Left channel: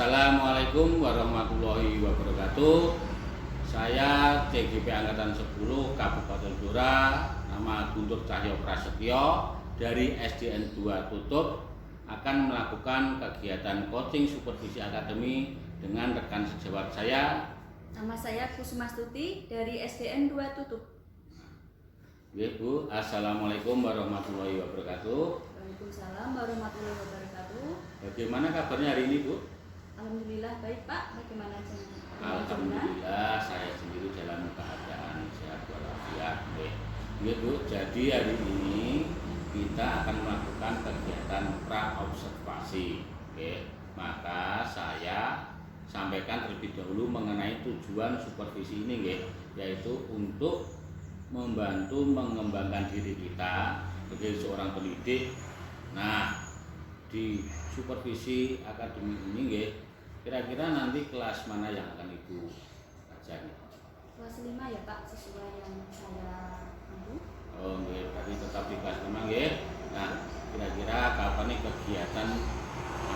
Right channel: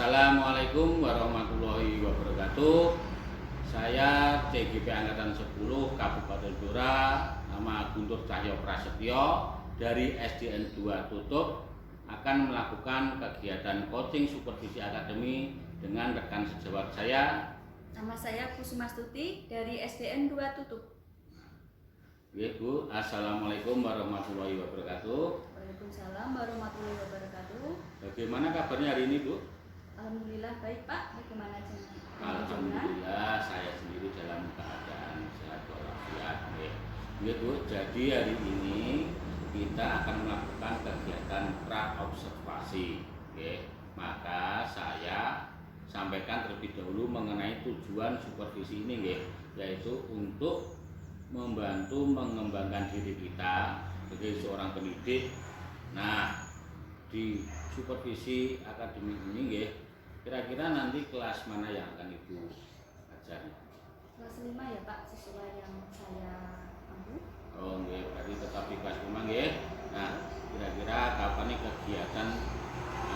Assalamualaikum warahmatullahi wabarakatuh. Saya TGP Angkatan 10 Kabupaten Blora, nama Guntur Cahyo Prasetyo dari SDN 2 Tutup, akan melakukan kegiatan coaching supervisi akademi dengan rekan sejawat saya. Nama saya Kusmastuti dari SDN 2 Tutup. Ya, Bu. Assalamualaikum warahmatullahi wabarakatuh. Waalaikumsalam warahmatullahi wabarakatuh. Bagaimana kabarnya hari ini, Bu? Alhamdulillah baik, Pak. Bagaimana jenengan? Alhamdulillah, saya sendiri dalam keadaan sehat walafiat. Ya, Bu. Jadi hari ini kita akan melakukan kegiatan pra-observasi. Oke. Maka saya sampaikan terlebih dahulu mengenai tujuan supervisi ini, yaitu untuk membantu mengembangkan diri kita sebagai seorang pendidik. Nah, di supervisi akademik ini, kira-kira nanti kelas mana yang akan Ibu ajari? Kelas 5 ya, Pak, sesuai yang saya ambil. Oh, berarti tetap di kelas 5, Nah, kira-kira kapan nih kegiatan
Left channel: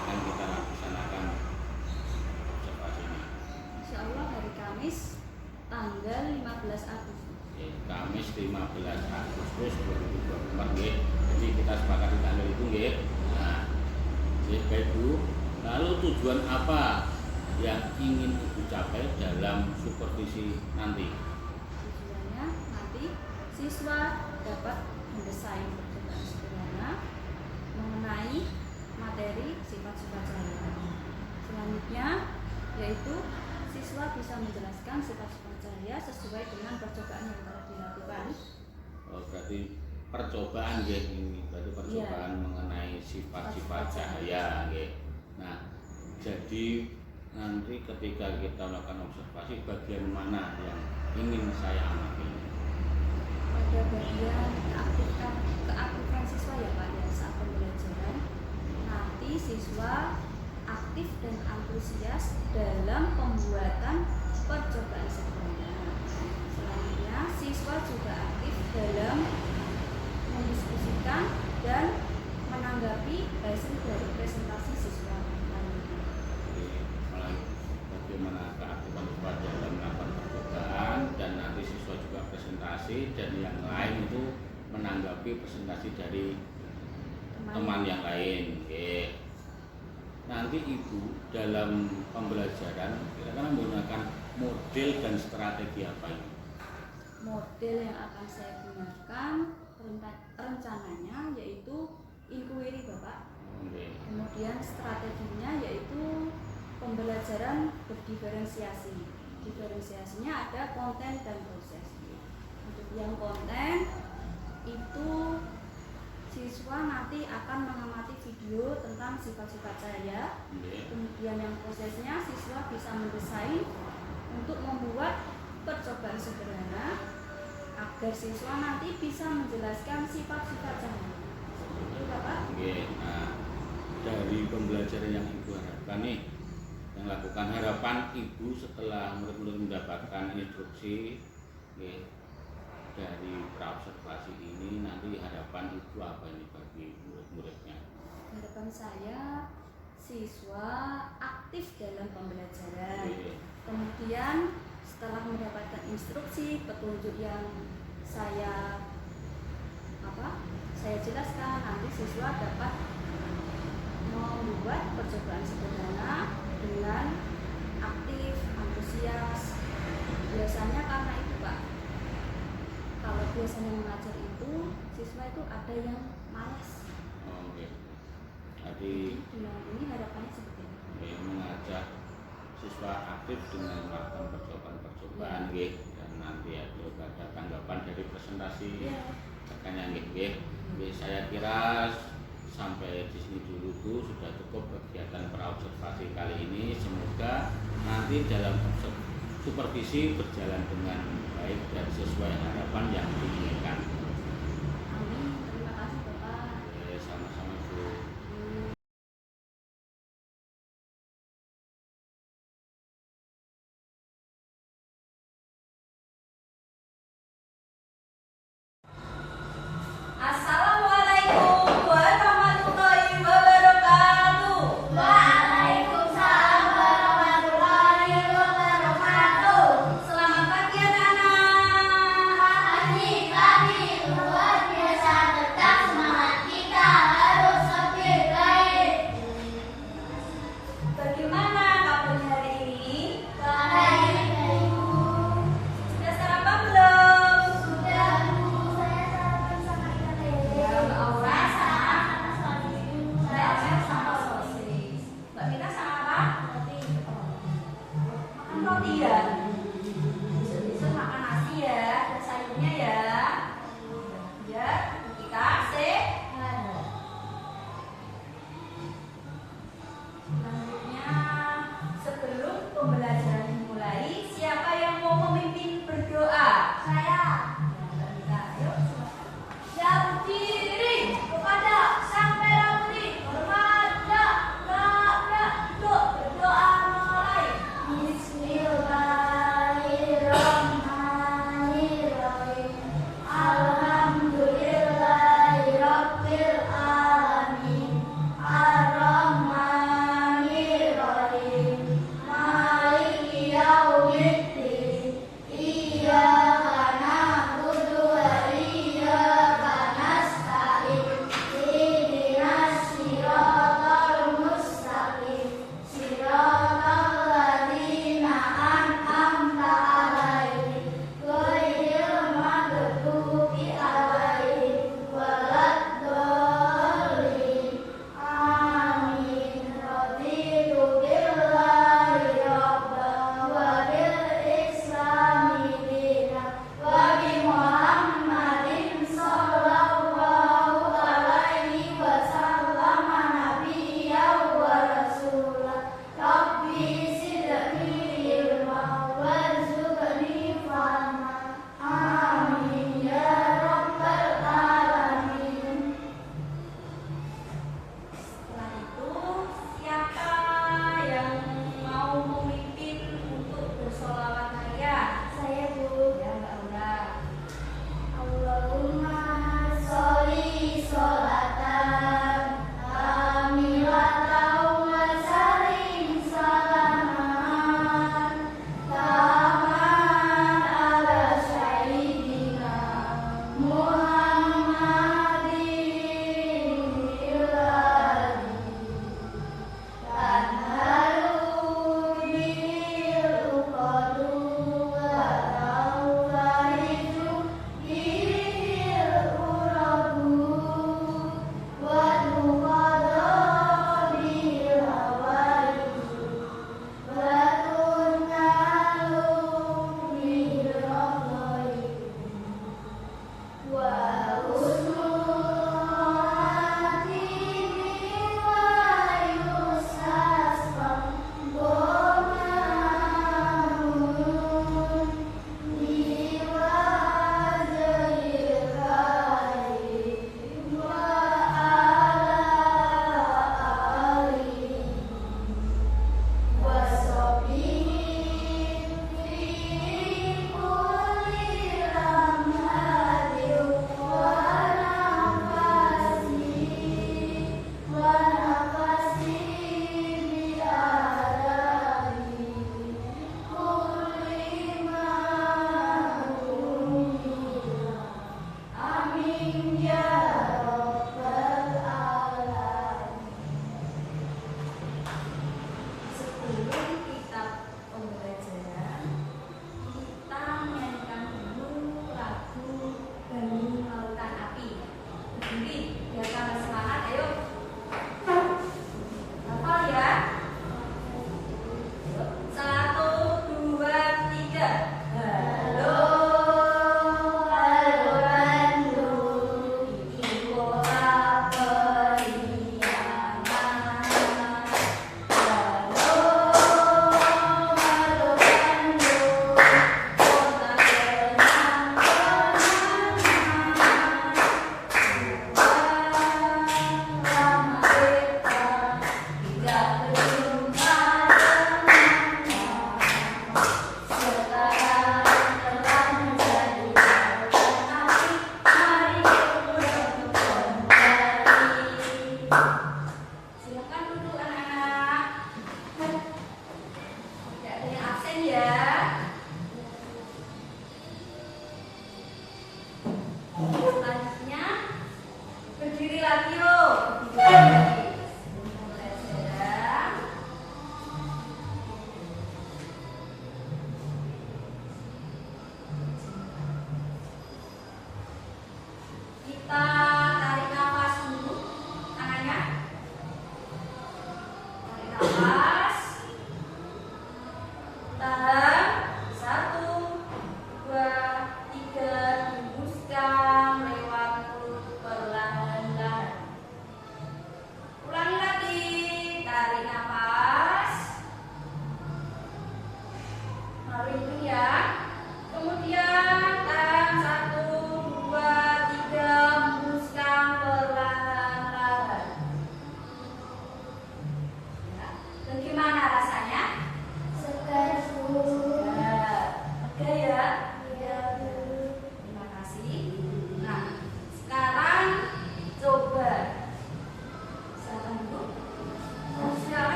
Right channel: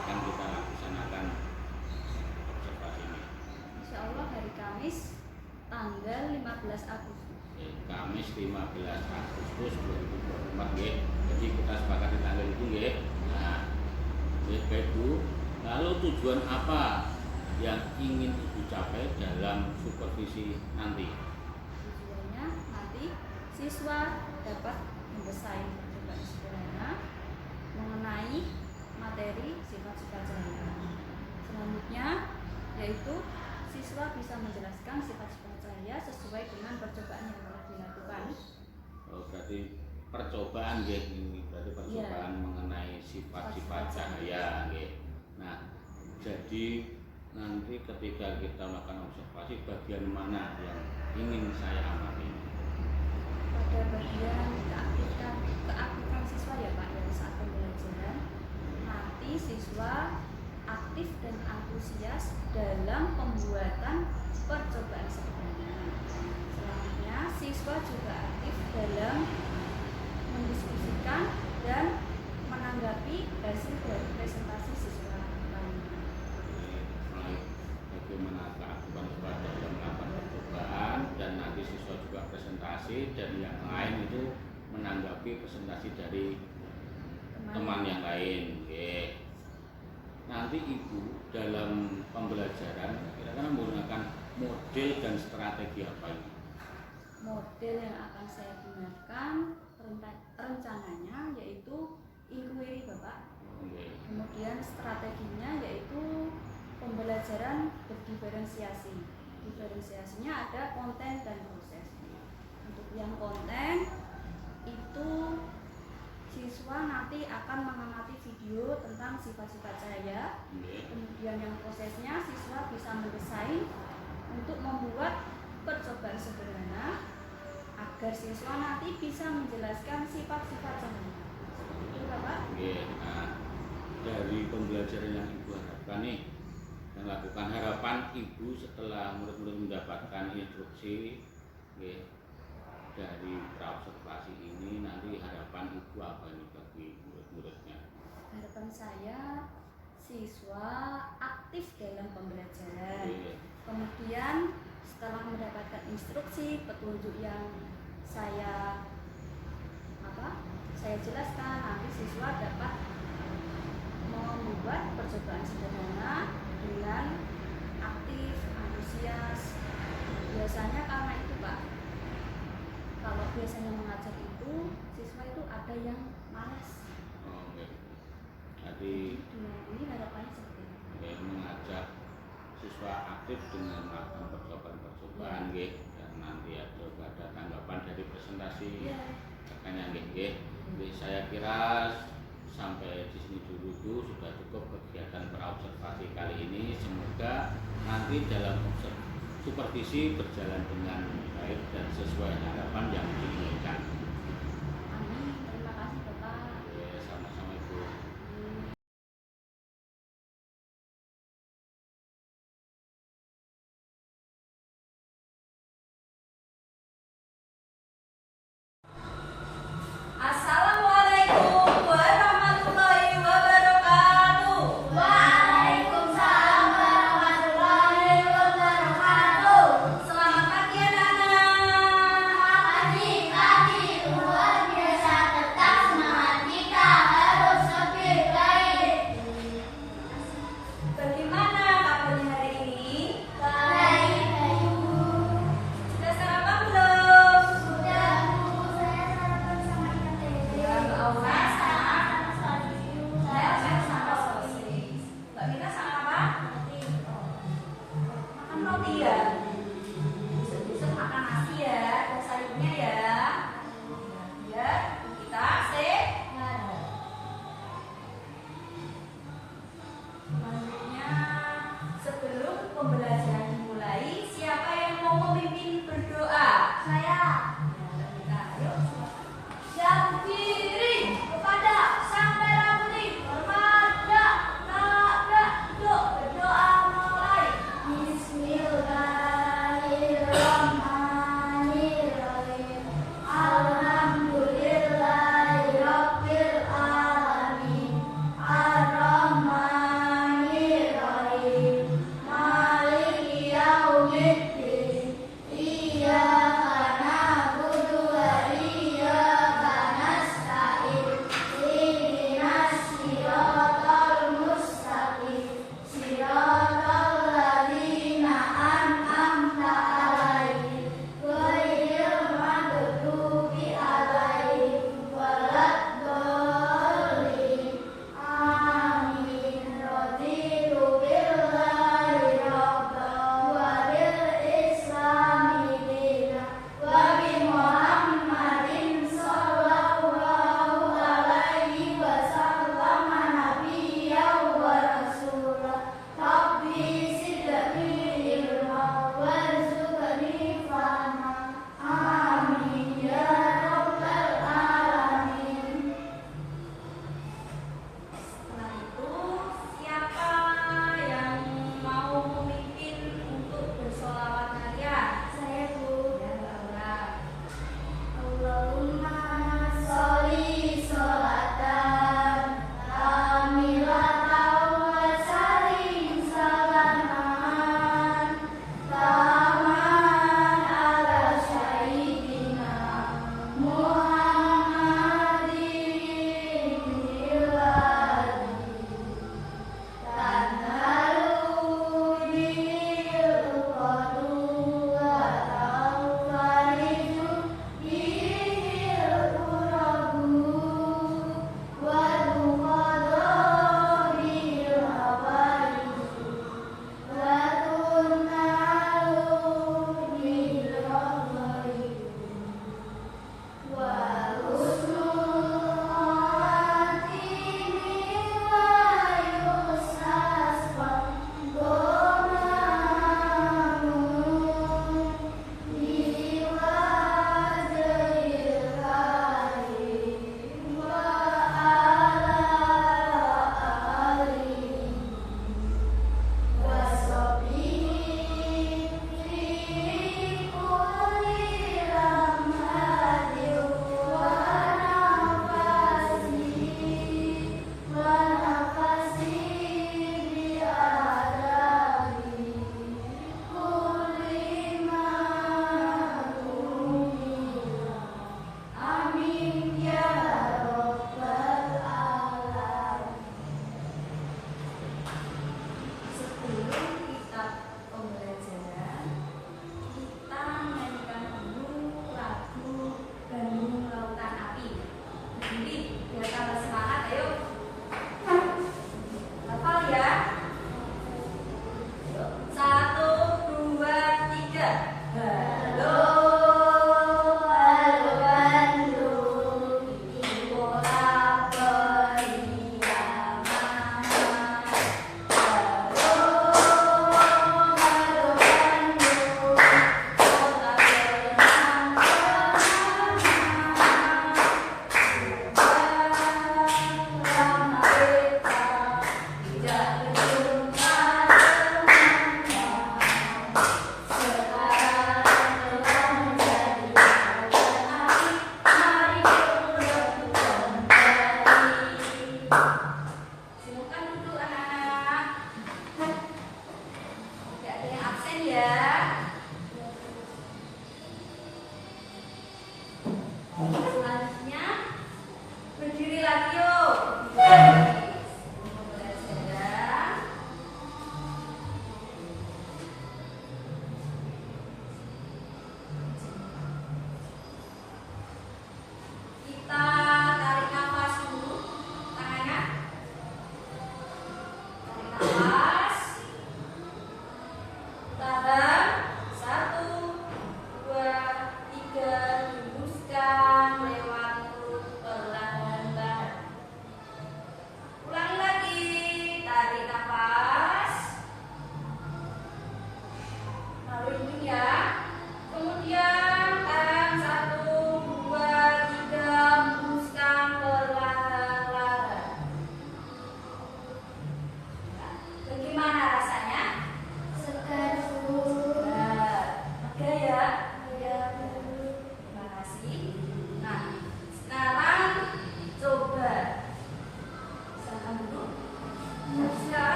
akan kita laksanakan observasi ini? Insya Allah hari Kamis tanggal 15 Agustus. Kamis 15 Agustus 2024, Jadi kita sepakati tanggal itu, Nah, baik, Bu. Lalu tujuan apa yang ingin Ibu capai dalam supervisi nanti? Tujuannya nanti siswa dapat mendesain percobaan sederhana mengenai materi sifat-sifat cahaya. Selanjutnya yaitu siswa bisa menjelaskan sifat-sifat cahaya sesuai dengan percobaan yang telah dilakukan. Oh, berarti percobaan, ini berarti percobaan mengenai sifat-sifat cahaya, Nah, jadi nanti ketika kita melakukan observasi, bagian mana yang ingin saya amati? Pada bagian keaktifan siswa ya, Pak, ya, saat pembelajaran nanti siswa aktif dan antusias dalam pembuatan percobaan sederhana. Selanjutnya siswa juga aktif dalam mendiskusikan dan menanggapi hasil dari presentasi siswa lainnya. Bagaimana keaktifan siswa dalam melakukan percobaan, dan nanti siswa juga presentasi, dan yang lain itu menanggapi presentasi dari teman yang lain. Nanti Ibu dalam pembelajaran kira-kira menggunakan model dan strategi apa ini? Model yang akan saya gunakan rencananya yaitu inquiry, Bapak. Kemudian strateginya yaitu pembelajaran berdiferensiasi. Diferensiasinya ada konten dan proses. Untuk yang konten itu siswa nanti akan mengamati video tentang sifat-sifat cahaya. Kemudian yang prosesnya siswa bisa mendesain untuk membuat percobaan sederhana agar siswa nanti bisa menjelaskan sifat-sifat cahaya. Itu, Bapak. Nah, dari pembelajaran yang Ibu harapkan nih, yang lakukan harapan Ibu setelah murid-murid mendapatkan instruksi dari pra-observasi ini, nanti harapan Ibu apa nih bagi murid-muridnya? Harapan saya siswa aktif dalam pembelajaran. Kemudian setelah mendapatkan instruksi, petunjuk yang saya jelaskan, nanti siswa dapat membuat percobaan sederhana dengan aktif, antusias. Biasanya karena itu, Pak, kalau biasanya mengajar itu siswa itu ada yang malas. Jadi ini harapannya seperti itu. Mengajak siswa aktif dengan melakukan percobaan, dan nanti ada tanggapan dari presentasi rekannya, Saya kira sampai di sini dulu, Bu, sudah cukup kegiatan pra-observasi kali ini. Semoga nanti dalam supervisi berjalan dengan baik dan sesuai harapan yang diinginkan. Amin. Terima kasih, Bapak. Sama-sama, Ibu. Assalamualaikum warahmatullahi wabarakatuh. Waalaikumsalam pembelajaran dimulai, siapa yang mau memimpin berdoa? Saya Ya, ayo silakan. siap berdiri kepada Sang Merah Putih. Hormat, doa berdoa mulai. Bismillahirrahmanirrahim. Alhamdulillahirabbil alamin. Ar-Rahmanirrahim. Maliki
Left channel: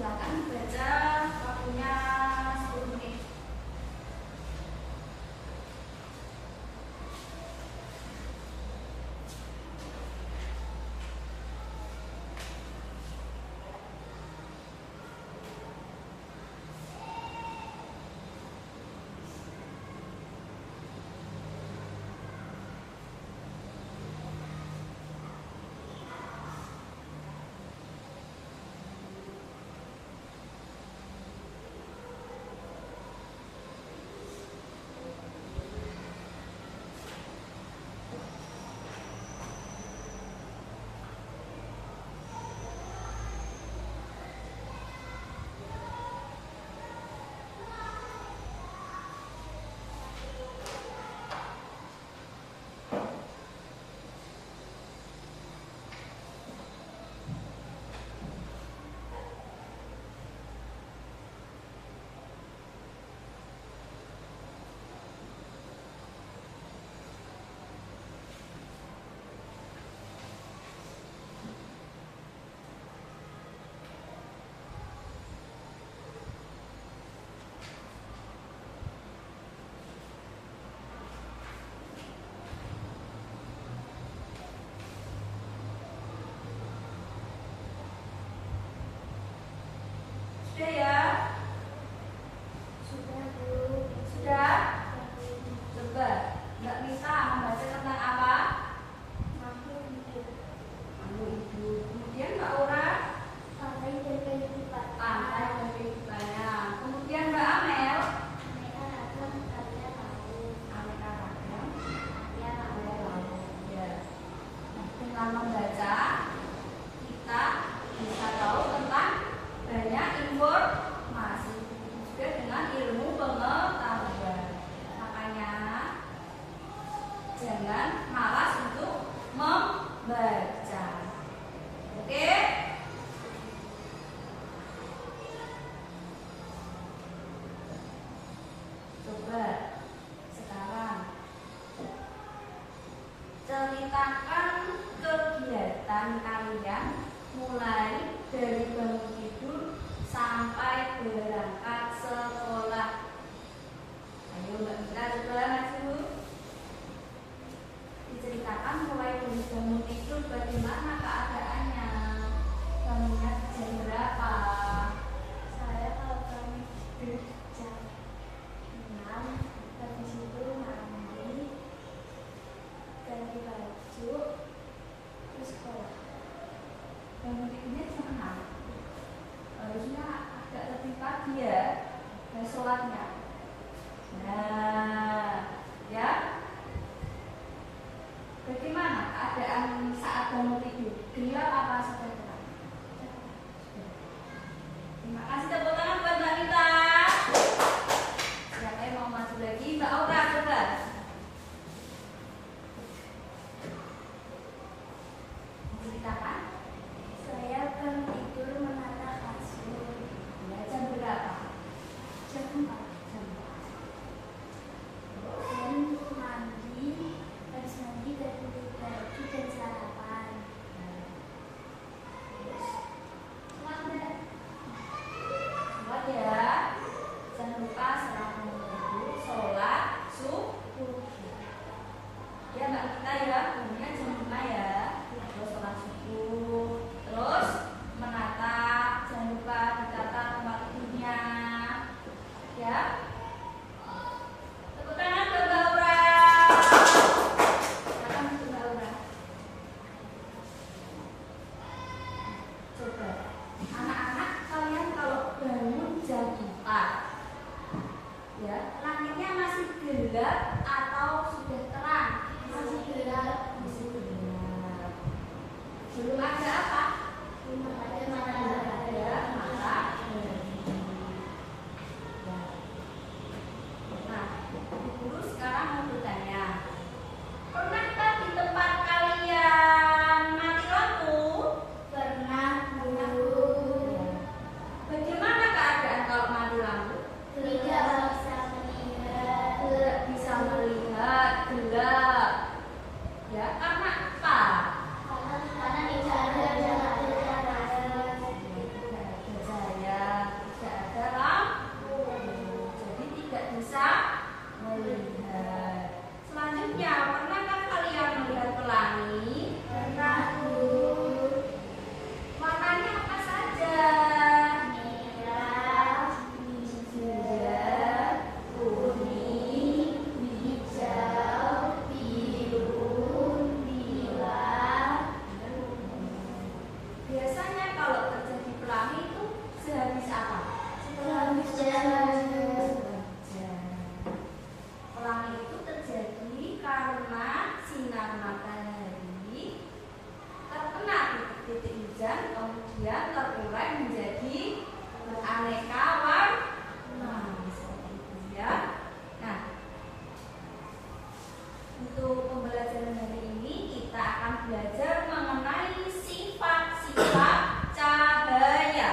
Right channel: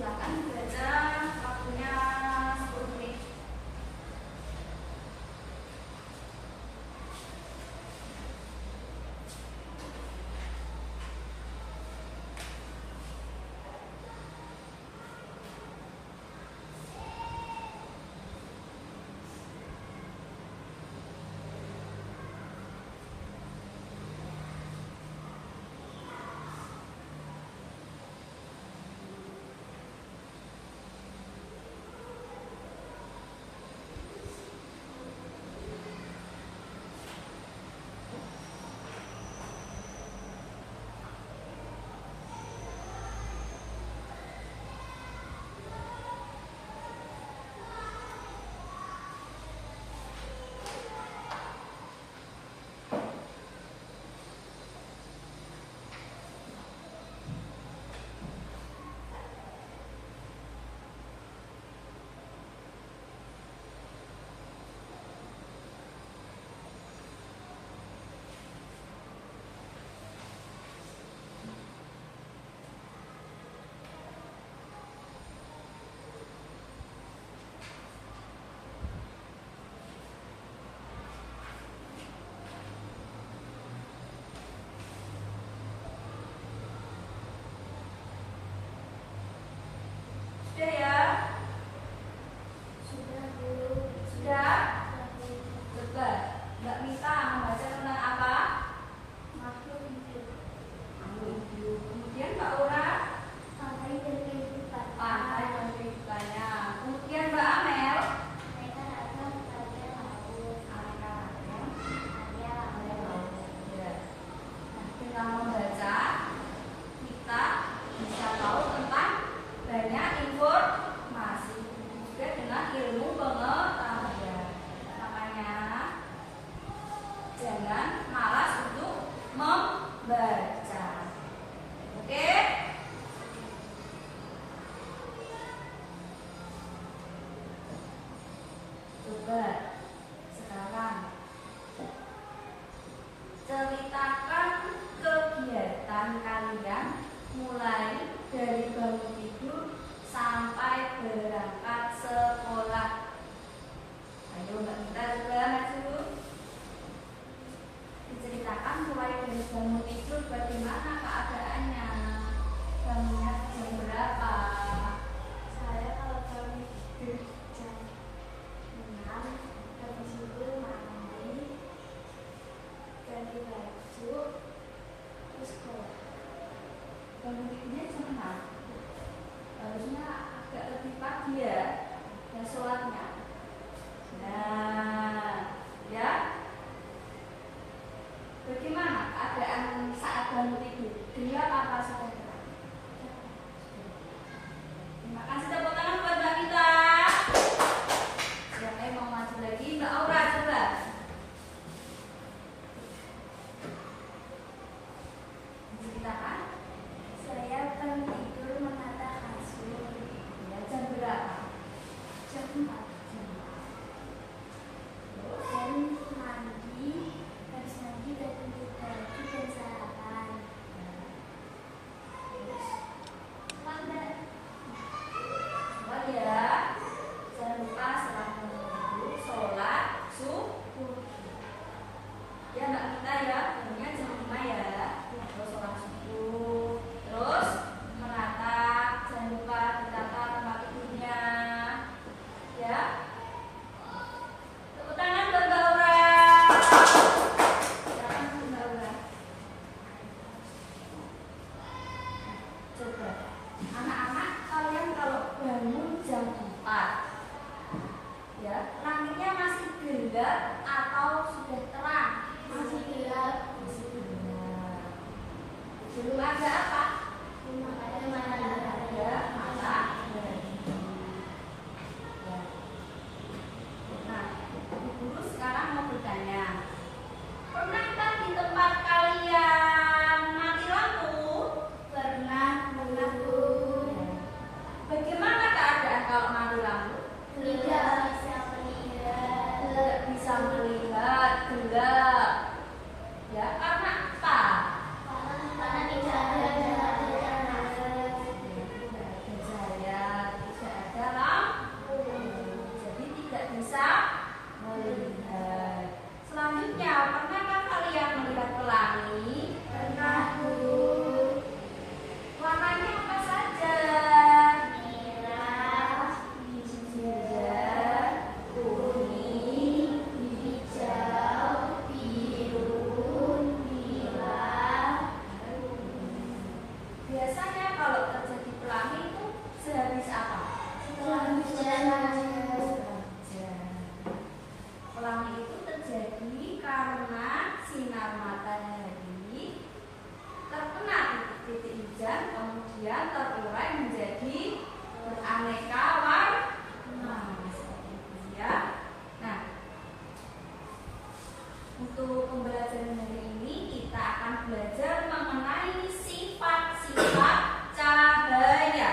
silakan baca, waktunya 10 menit. Sudah ya? Sudah, Bu. Sudah? Coba Mbak Mita membaca tentang apa? Makhluk hidup. Makhluk hidup. Kemudian Mbak Ora, Pantai dan kehidupan. pantai dan kehidupannya. Kemudian Mbak Amel, Mereka akan pada laut. aneka ragam Ada laut. ya. Nah, dengan membaca kita bisa tahu tentang banyak informasi, juga dengan ilmu pengetahuan. Makanya jangan malas untuk membaca. Oke? Coba sekarang ceritakan kegiatan kalian mulai dari bangun tidur sampai berangkat sekolah. Ayo Mbak Mita, coba dulu diceritakan mulai dari bangun tidur bagaimana keadaannya, bangunnya jam berapa. Saya kalau kami tidur jam 6, habis itu mandi, ganti baju, terus sekolah. Bangun tidurnya jam 6, harusnya agak lebih pagi ya, dan sholatnya. Nah, ya. Bagaimana keadaan saat bangun tidur? Gelap apa sudah terang? Terima kasih, tepuk tangan buat Mbak Mita. Siapa yang mau maju lagi? Mbak Aura, coba. Ceritakan. Saya bangun tidur menata kasur. Ya, jam berapa? Jam 4. Jam Dan mandi, habis mandi ganti baju dan sarapan. Terus sholat. Sholat ya. Jangan lupa setelah bangun tidur sholat subuh. Ya Mbak Mita ya, bangunnya jam 5 ya. Terus sholat subuh. Terus menata, jangan lupa ditata tempat tidurnya. Ya. Tepuk tangan buat Mbak Aura. Silakan Mbak Aura. Coba, anak-anak kalian kalau bangun jam 4, ya, langitnya masih gelap atau sudah terang? Masih gelap. Masih gelap. Belum ada apa? Belum ada Ada matahari. Ya. Nah, Bu Guru sekarang mau bertanya, pernahkah di tempat kalian mati lampu? Pernah, Bu. Pelangi itu terjadi karena sinar matahari terkena titik hujan, kemudian terurai menjadi beraneka warna. Seperti itu ya. Nah, untuk pembelajaran hari ini kita akan belajar mengenai sifat-sifat cahaya.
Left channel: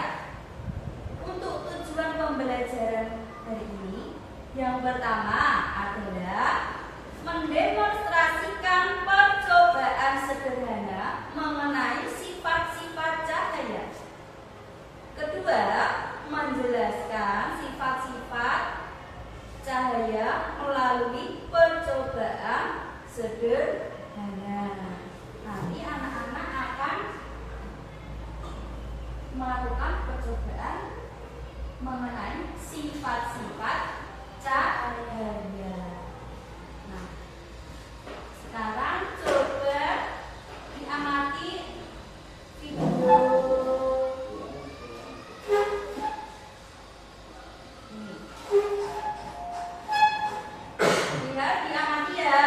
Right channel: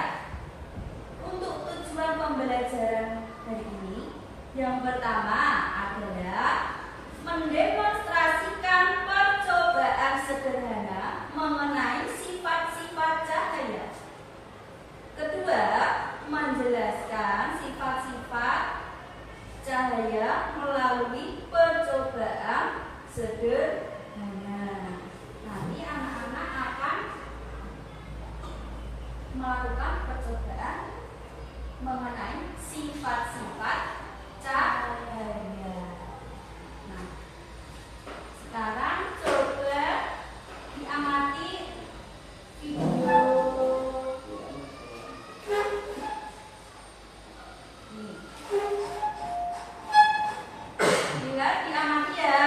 Untuk tujuan pembelajaran hari ini, yang pertama adalah mendemonstrasikan percobaan sederhana mengenai sifat-sifat cahaya. Kedua, menjelaskan sifat-sifat cahaya melalui percobaan sederhana. Nanti anak-anak akan melakukan percobaan mengenai sifat-sifat cahaya. Nah, sekarang coba diamati video. Lihat, diamati ya.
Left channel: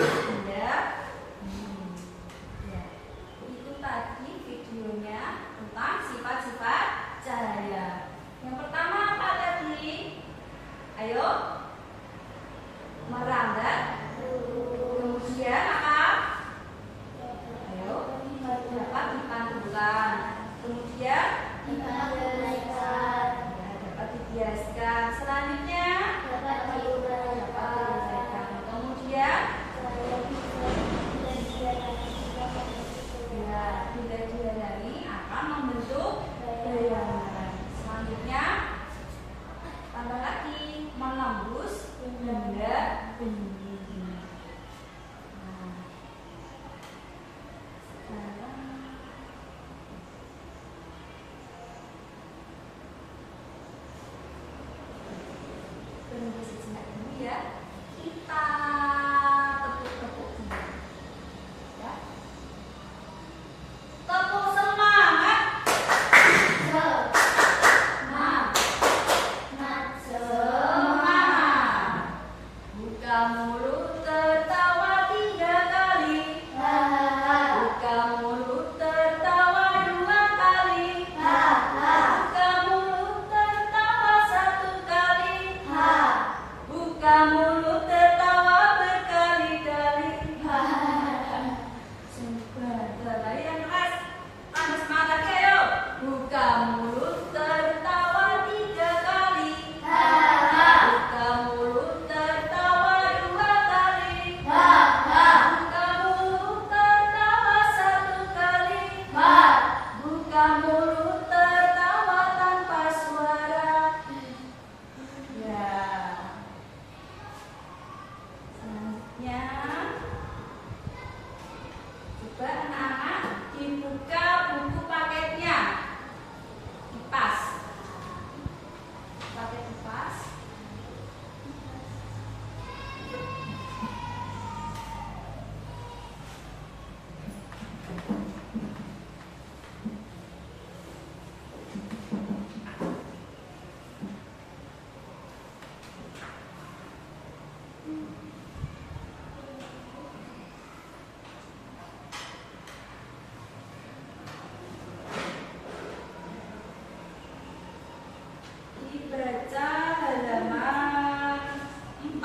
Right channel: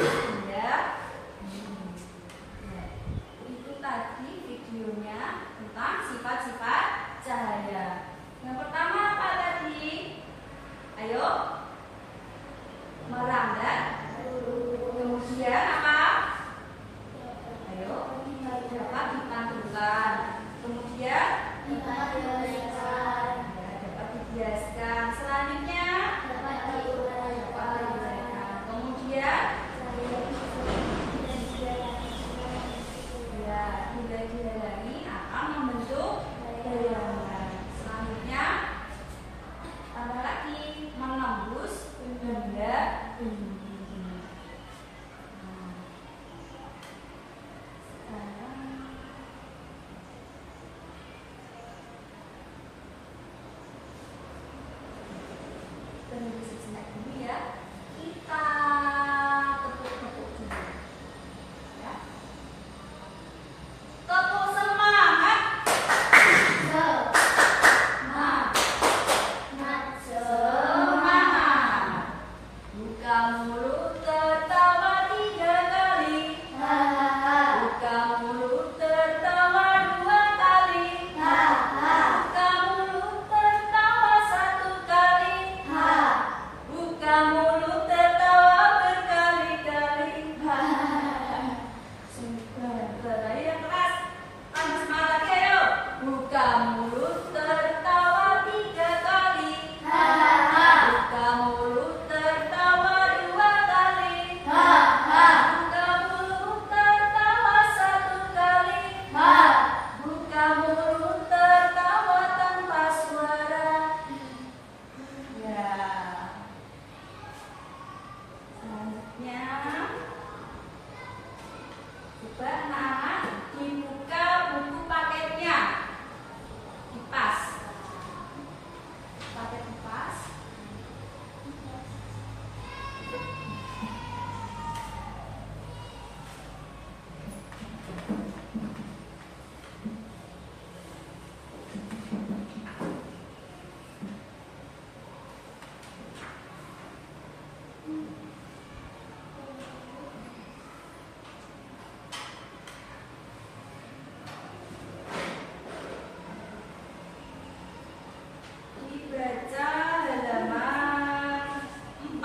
Ya. Ya. Itu tadi videonya tentang sifat-sifat cahaya. Yang pertama apa tadi? Ayo. Merambat. Kemudian apa? Ayo. Dapat dipantulkan. Kemudian dapat dibiaskan. Selanjutnya dapat diuraikan. Kemudian ya, bila dihadari akan membentuk bayangan. Selanjutnya tambah lagi menembus benda tinggi. Tunggu sejenak dulu ya. Kita tepuk-tepuk dulu. Ya. Tepuk semangat. Semangat. Buka mulut tertawa 3 kali. Buka mulut tertawa 2 kali. Buka mulut tertawa 1 kali. Buka mulut tertawa berkali-kali. Sudah yang keras. Tambah semangat lagi ayo. Buka mulut tertawa 3 kali. Buka mulut tertawa 2 kali. Buka mulut tertawa 1 kali. Buka mulut tertawa tanpa suara. Ya. Selanjutnya, coba anak-anak dibuka buku paketnya. Kipas. Pakai kipas. Dibaca halaman 4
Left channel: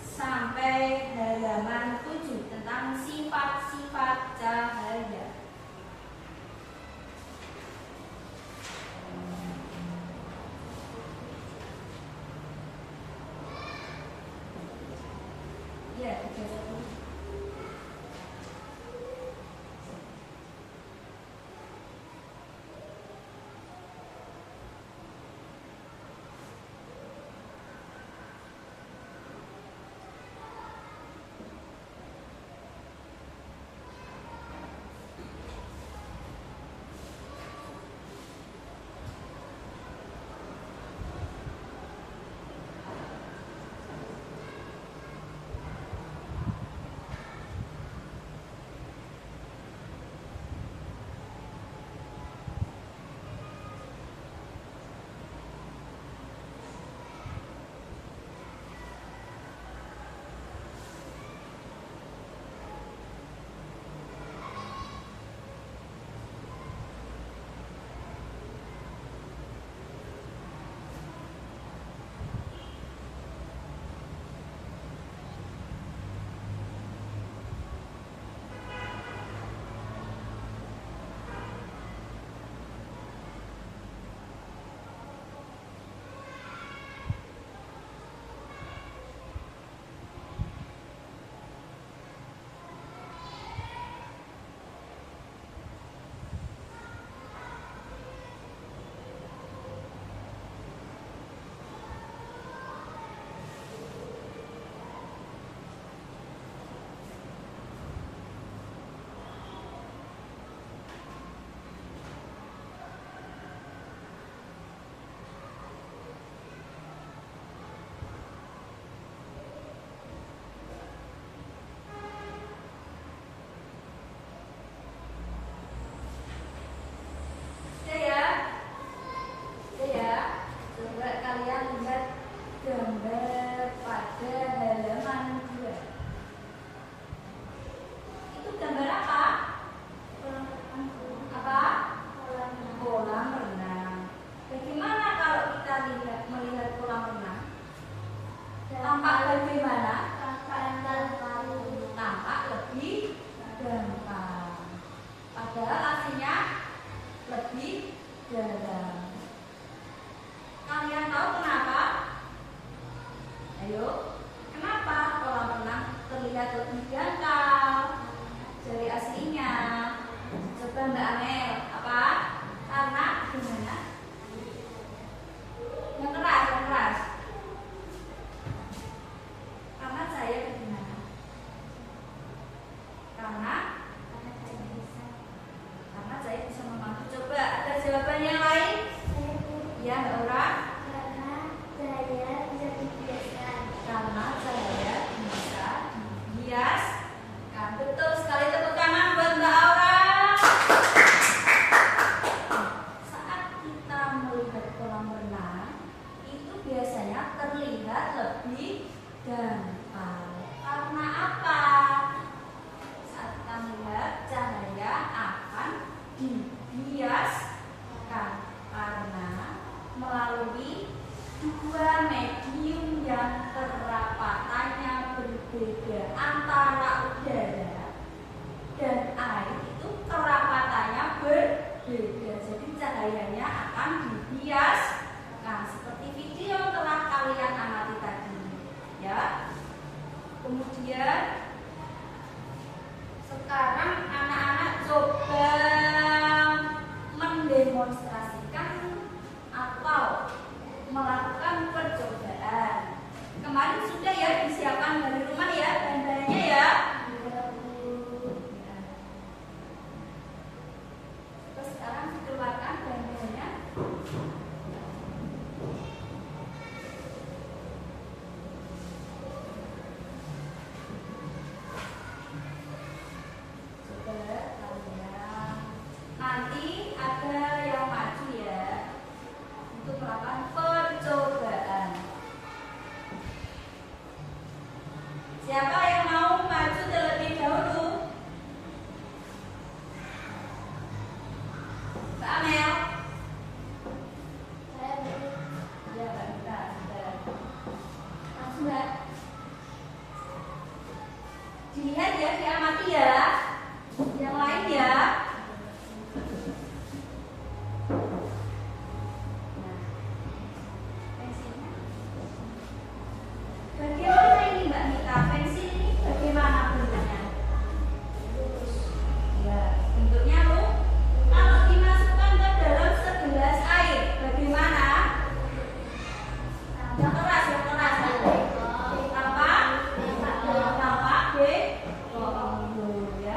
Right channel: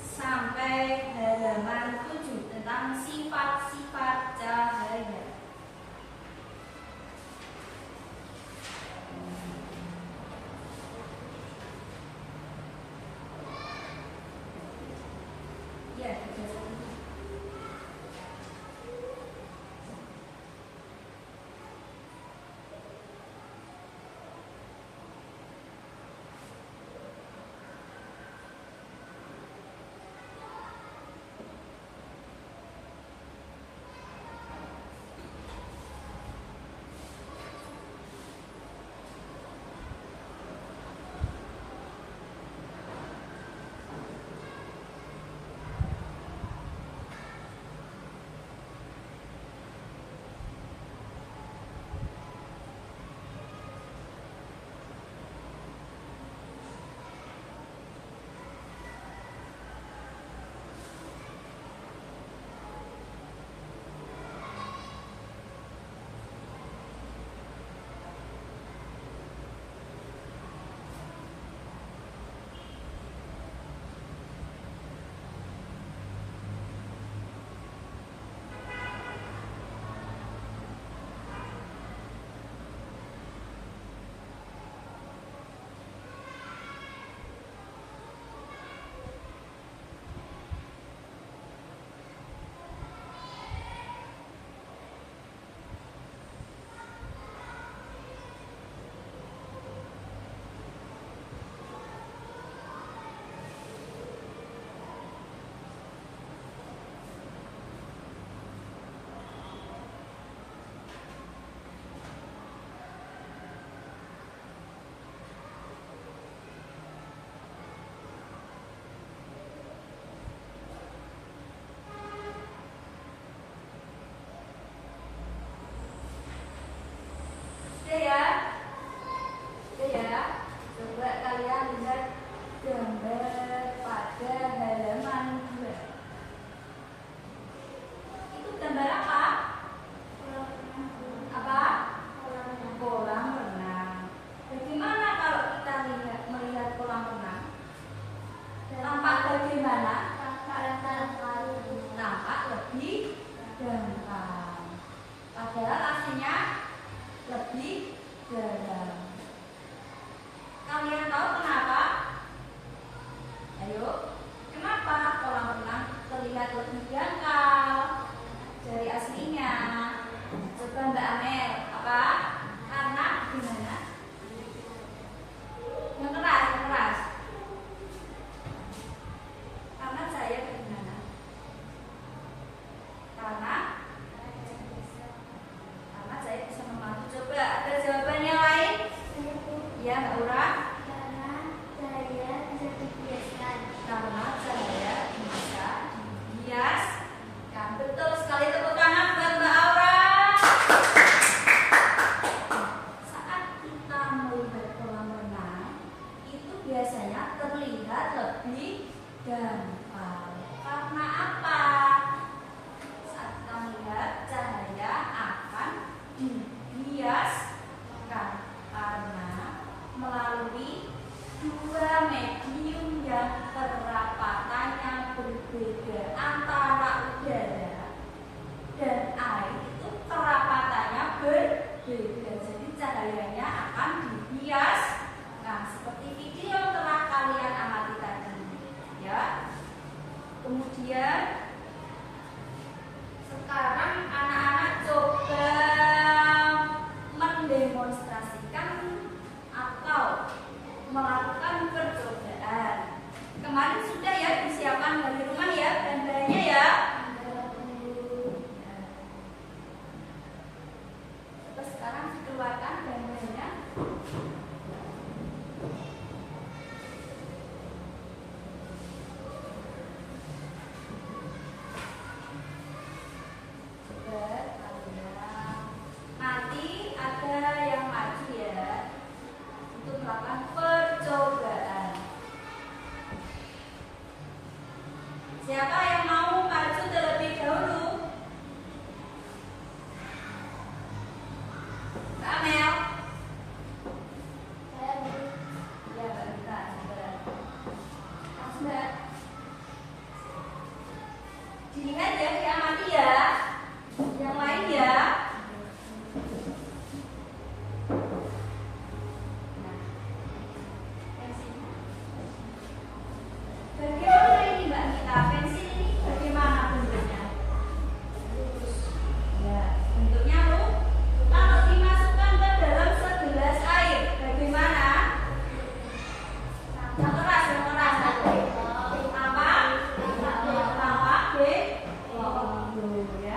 sampai halaman 7 tentang sifat-sifat cahaya. Ya, dibaca dulu. lebih dalam. Kalian tahu kenapa? Ayo, kenapa kolam renang terlihat lebih dangkal dari aslinya? Coba Mbak Amel, apa? Karena gimana? Yang keras, yang keras. Karena cahaya bagaimana? Karena cahaya bisa memantul. Coba ada jawaban yang lain? Ya, Mbak Ura. Karena cahaya bisa dibiaskan. Karena cahaya bisa dibiaskan. Betul sekali, tepuk tangan buat Mbak Aura. Saat kita melihat kolam renang, itu biasanya terlihat lebih dangkal. Karena apa? Saat kita melihat cahaya akan dibiaskan karena melalui dua medium yang kerapatannya berbeda antara udara dan air, itu kerapatannya berbeda, jadi cahayanya akan dibiaskan seperti video yang telah kalian amati tadi ya. Kemudian sekarang anak-anak coba mendemonstrasikan atau melakukan percobaan. Kemarin sudah ya disiapkan dari rumah ya bahan-bahannya ya. Terus sekarang dikeluarkan bahan-bahannya. Coba kalian nanti ada yang maju ya untuk melakukan percobaan. Siapa yang mau maju terlebih dahulu? Mbak Amel? Saya baru Ya, Mbak Mita. Langsung Mbak. Dilihat ya, diamati ya. Yang lain ya. Nah, pensilnya. Bagaimana ini Mbak Mita? Pensil ini bagaimana bentuknya? Lurus. Ya, bentuknya lurus. Kalau dimasukkan ke dalam segelas air, bagaimana? Yang keras, yang keras. Apa? Tampak B. Oh, ya.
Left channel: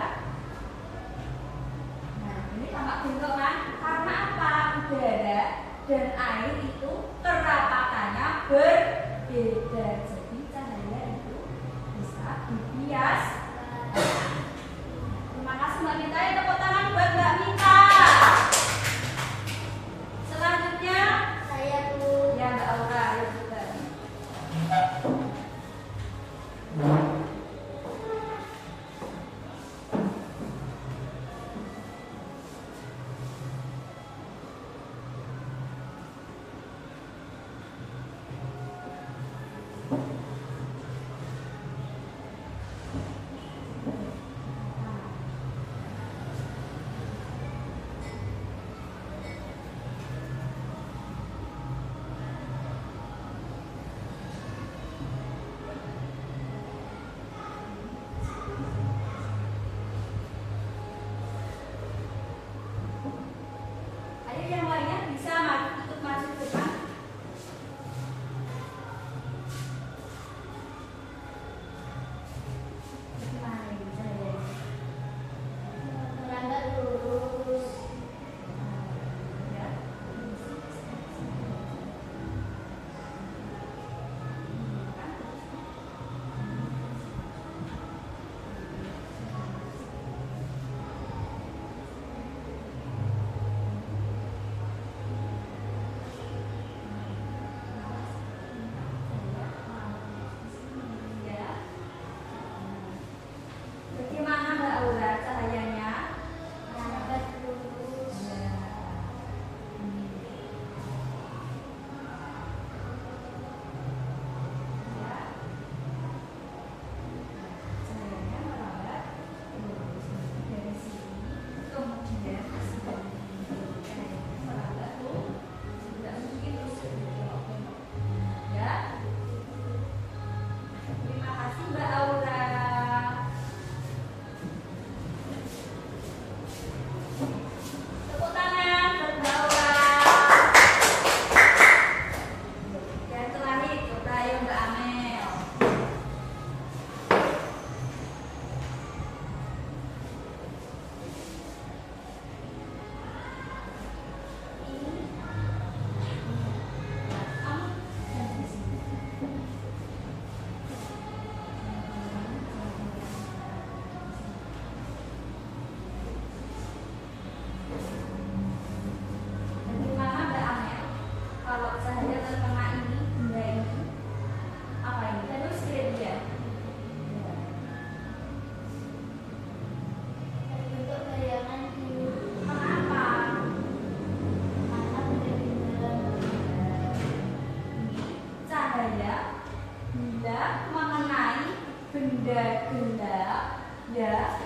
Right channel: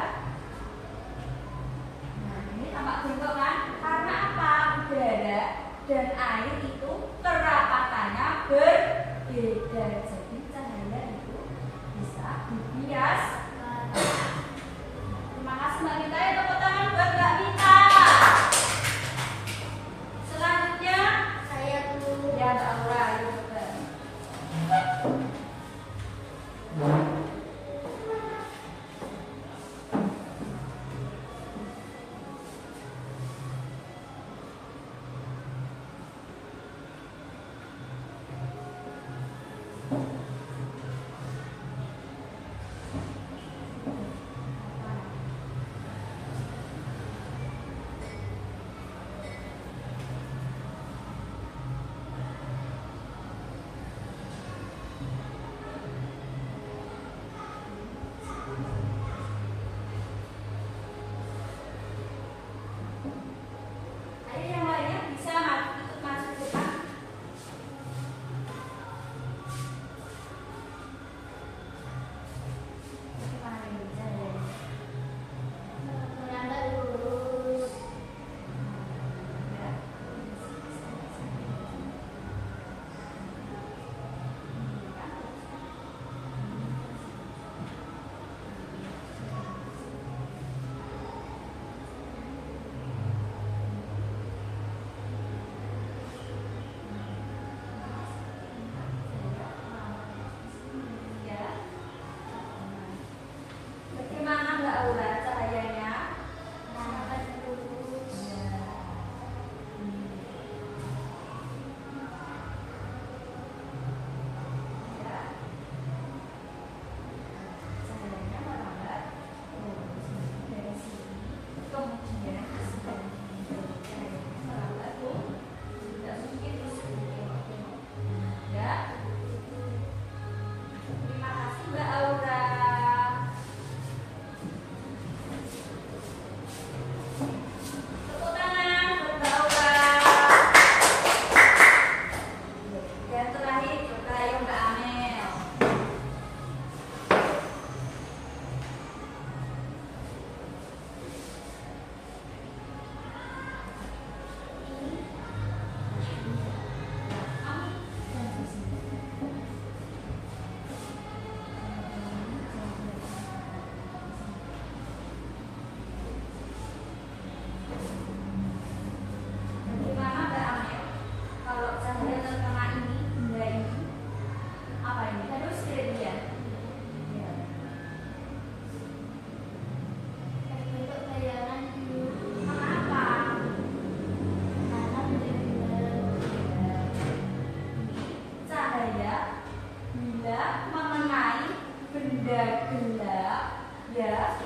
benda gelap, ya,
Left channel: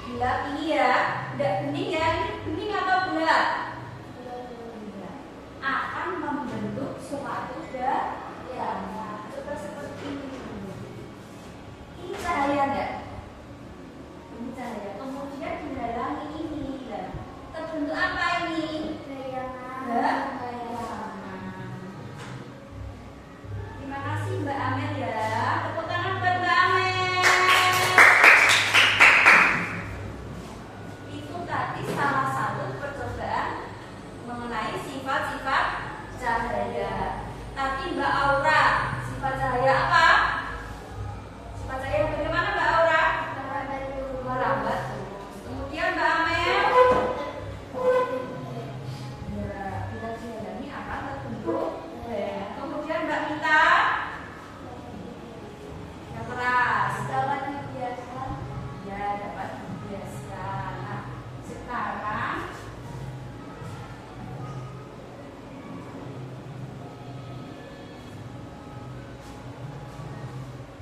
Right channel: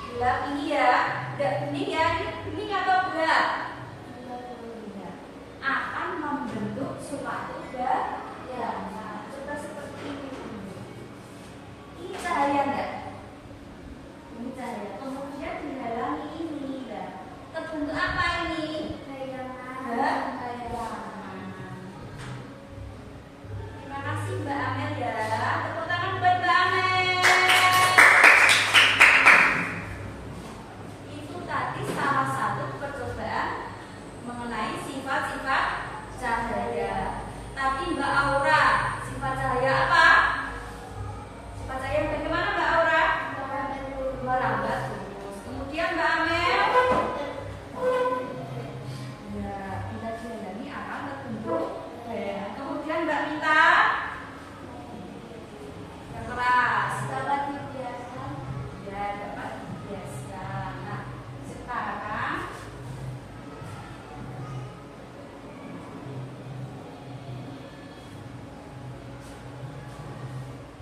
gelap ini ya, tidak bening ya, ini bening atau gelap? Gelap. Akan membentuk suatu bayangan. Coba seperti ini. Ini cahaya enggak? Ini cahaya. Kemudian dihalangi ini, lah. Terbentuk apa ini? Bayangan. Terima kasih Mbak Amel ya. Tepuk tangan buat Mbak Amel. Itu tadi salah satu percobaan mengenai sifat-sifat cahaya. Tapi Mbak Aura, sifat cahaya apa? Sifat cahaya bagaimana Mbak Aura? Merambat terus. Kemudian Mbak Amel. Ya, bila dihalangi akan terbentuk bayangan. Kemudian Mbak Mita. Yang keras. Dapat dibiaskan. Ya, dapat dibiaskan. Nah, sekarang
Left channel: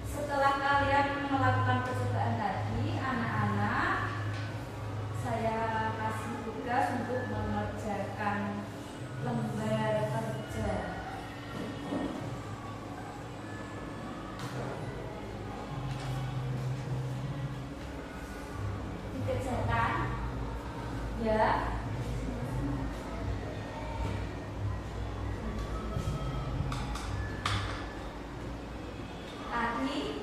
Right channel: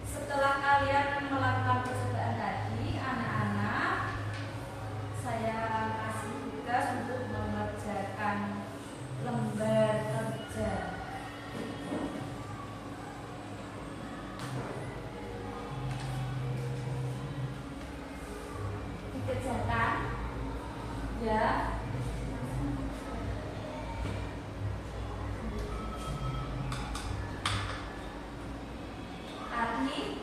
setelah kalian melakukan percobaan tadi, anak-anak, saya kasih tugas untuk mengerjakan lembar kerja. Dikerjakan, ya. Tadi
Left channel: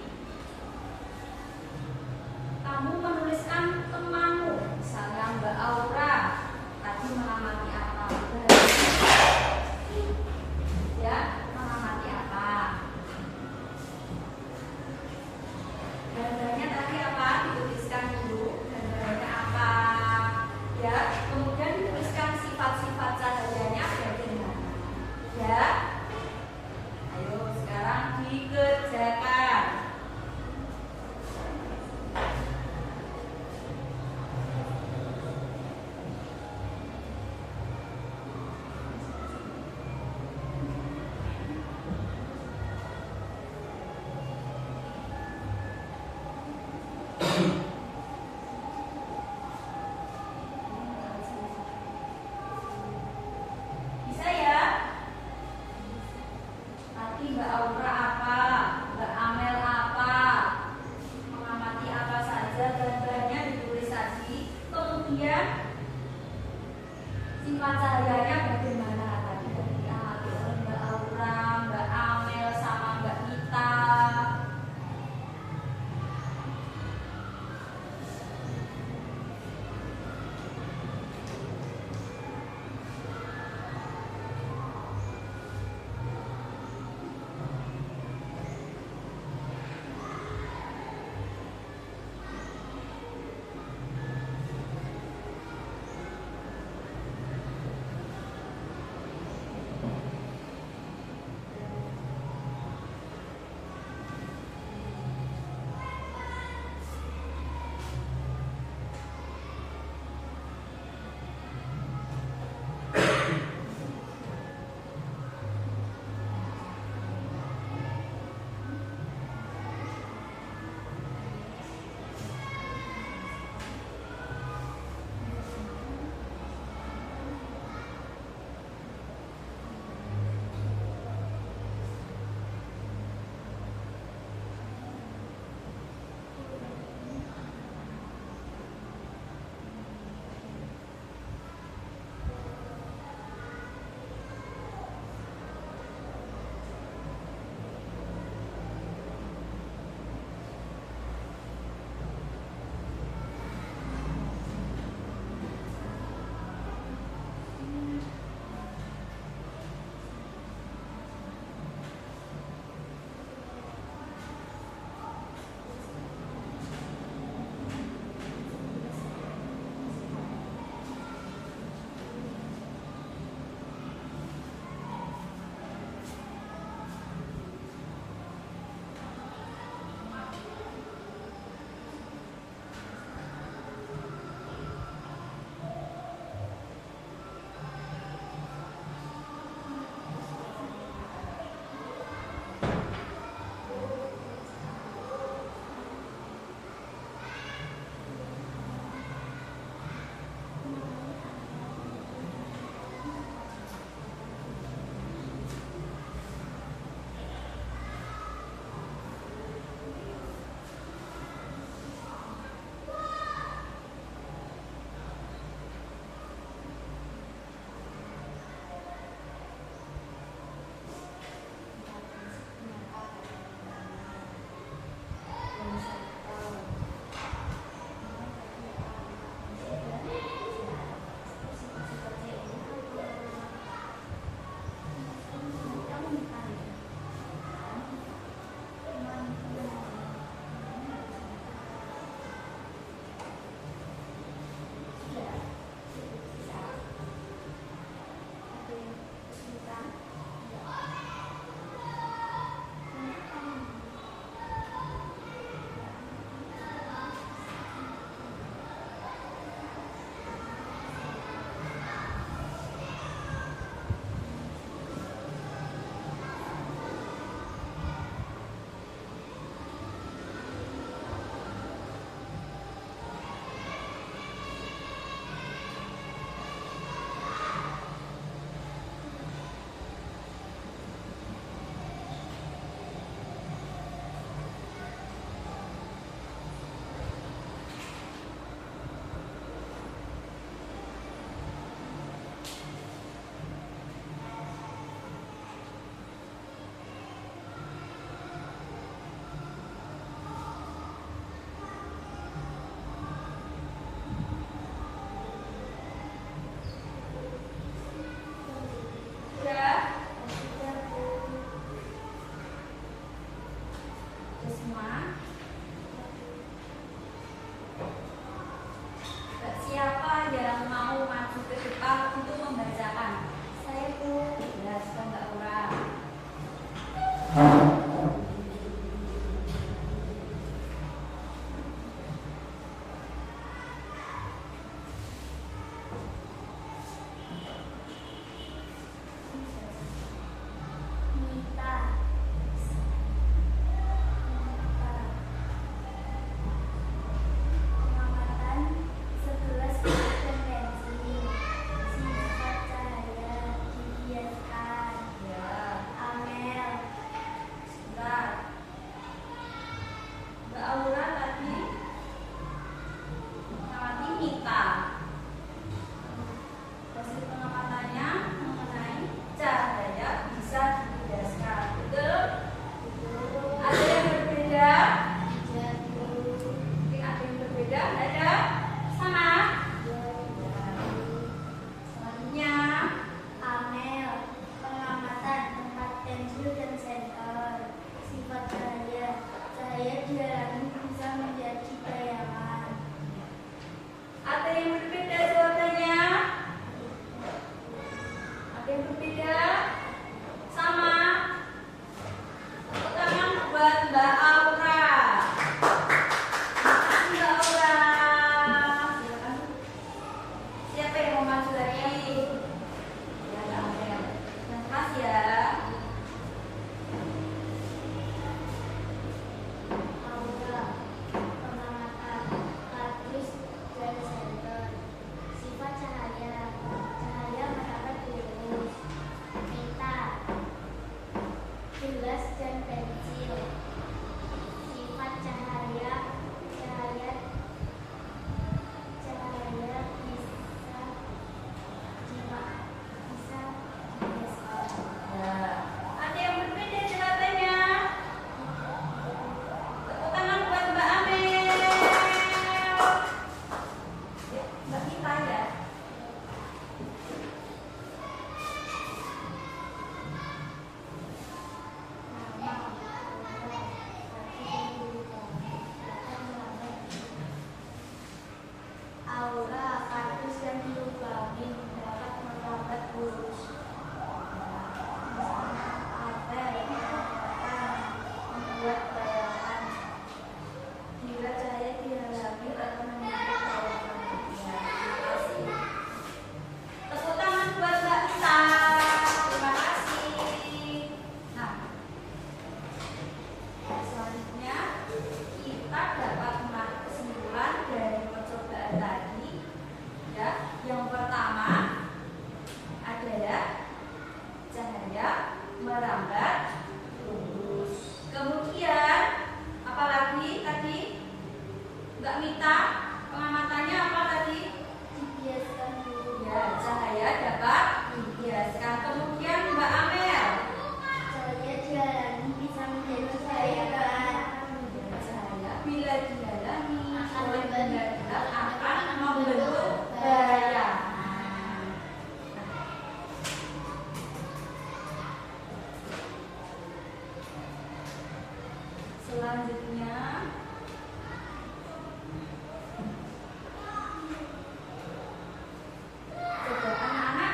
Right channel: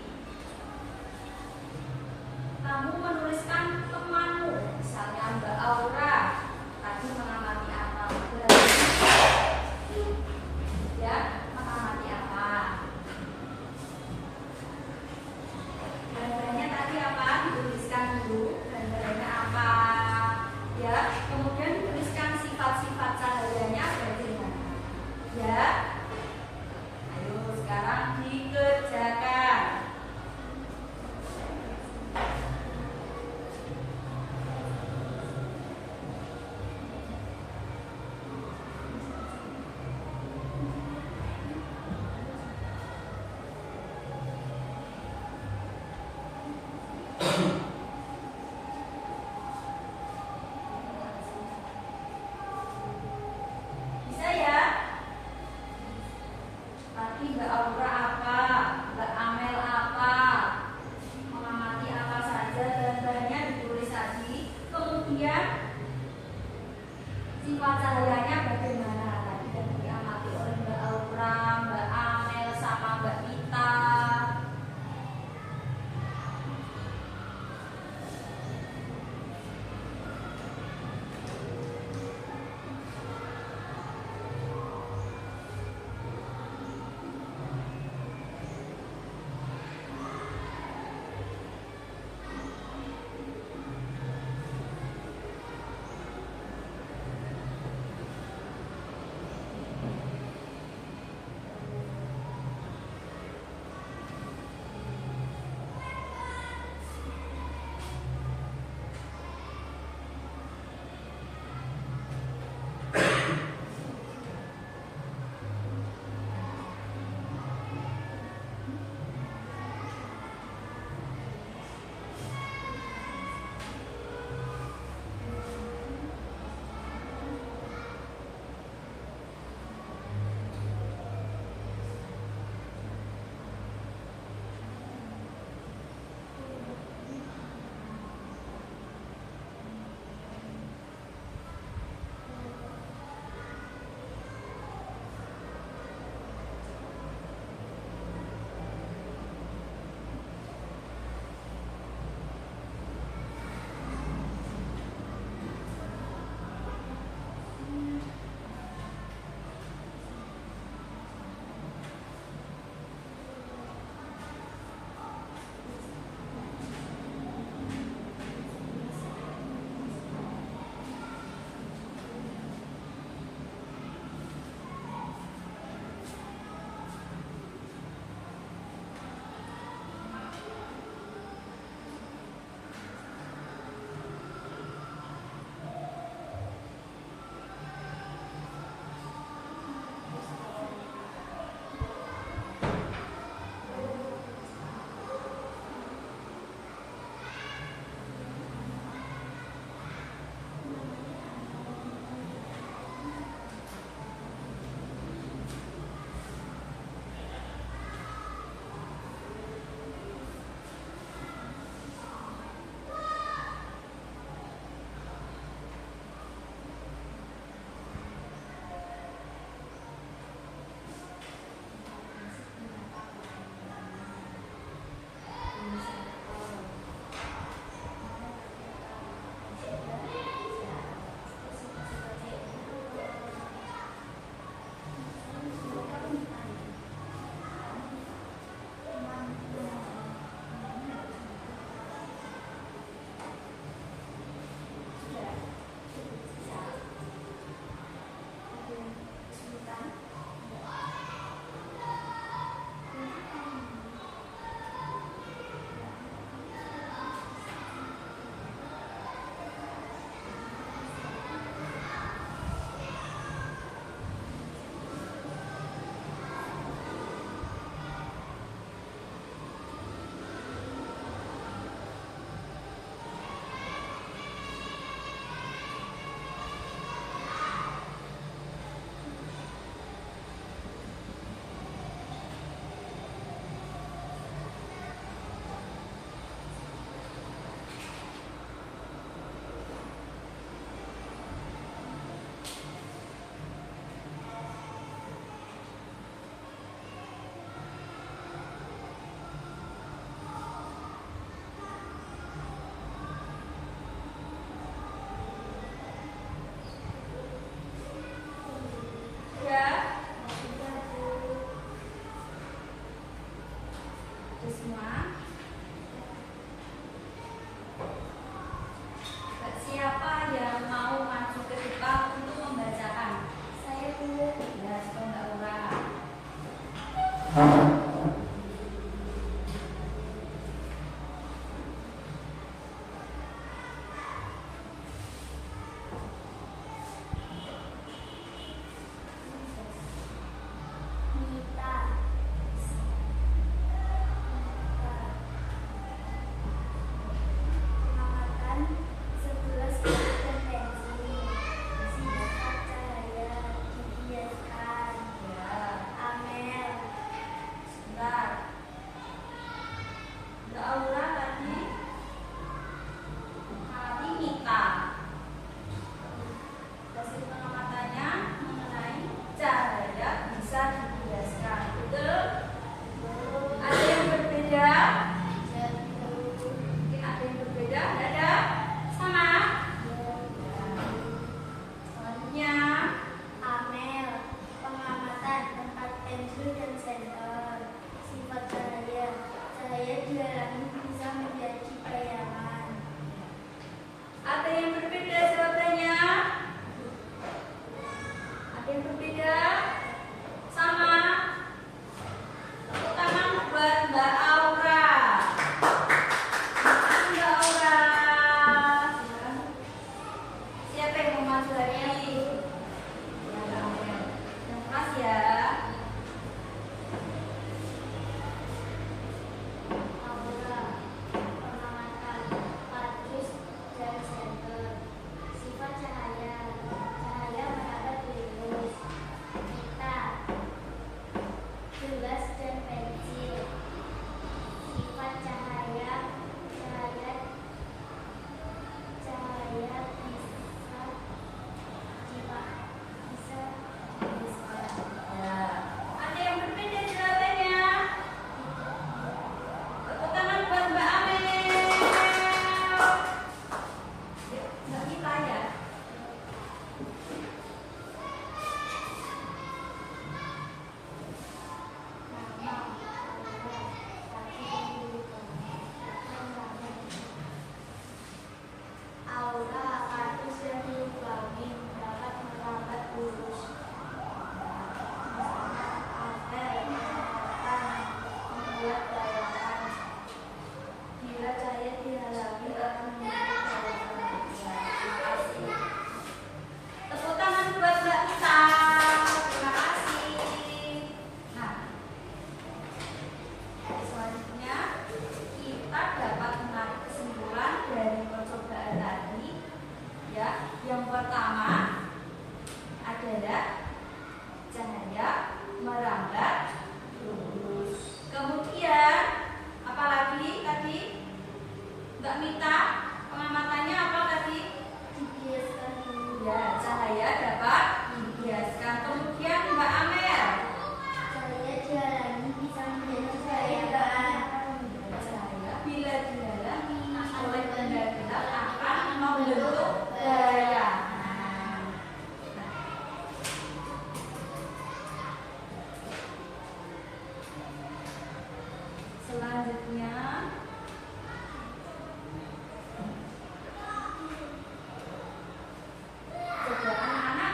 kamu menuliskan temanmu, misalnya Mbak Aura tadi mengamati apa? Berarti ya, mengamati apa? Gambarnya tadi apa? Dituliskan dulu gambarnya apa? Ya, kemudian dituliskan sifat-sifat cahayanya bagaimana? Ya. Ayo sekarang dikerjakan. Bisa ya? Tadi Mbak Aura apa? Mbak Amel apa? Mengamati apa saja, gambarnya ditulis tadi. Kemudian sifat cahayanya bagaimana? Tadi yang diamati oleh Mbak Aura, Mbak Amel, sama Mbak Mita. Aura tadi mengamati Mita. Hasil pengamatannya mengenai cahaya bisa dibiaskan. Betul? Ada yang berbeda? Mungkin ada yang berbeda? Ada? Sama? Selanjutnya Amel, pengamatan tempat pensil dan senter. Sifat cahaya, cahaya dialami bisa menjadi bayangan. ada yang berbeda jawabannya? Ada yang berbeda? Sama? Tepuk tangan buat Mbak Aura. Mbak Aura. Silakan. Siapa yang mau maju lagi? Ya, Kak Amel. Yang keras ya. Aura, pengamatan kardus dan senter. Sifat cahaya, cahaya mendapat virus. Mita, gelas dan pensil. Sifat cahaya, cahaya bisa dibiaskan. Ya. Ada yang berbeda jawabannya? Tepuk tangan buat Mbak Amel. Mbak Mita ya. Nama, aura, kaki dan lubang dapat melambat. Aura, kardus dan dilubangin dapat melambat urus. Apel, pengamatan membuat bayangan. Bila cahaya dihalangi akan membentuk bayangan. Ya, terima kasih. Tepuk tangan buat Mbak Mita. Terima kasih. Nah, selanjutnya kita dapat menarik kesimpulan dari percobaan tadi. Ya, yang pertama adalah cahaya merambat lurus. Kemudian apalagi tadi Mbak Mita pengamatannya apa tadi? Dibiaskan dulu. Ya, cahaya dapat dibiaskan. Kemudian Mbak Amel, Cahaya dialami bisa menjadi bayangan. cahaya bila dihalangi oleh benda gelap akan membentuk bayangan. Selanjutnya coba anak-anak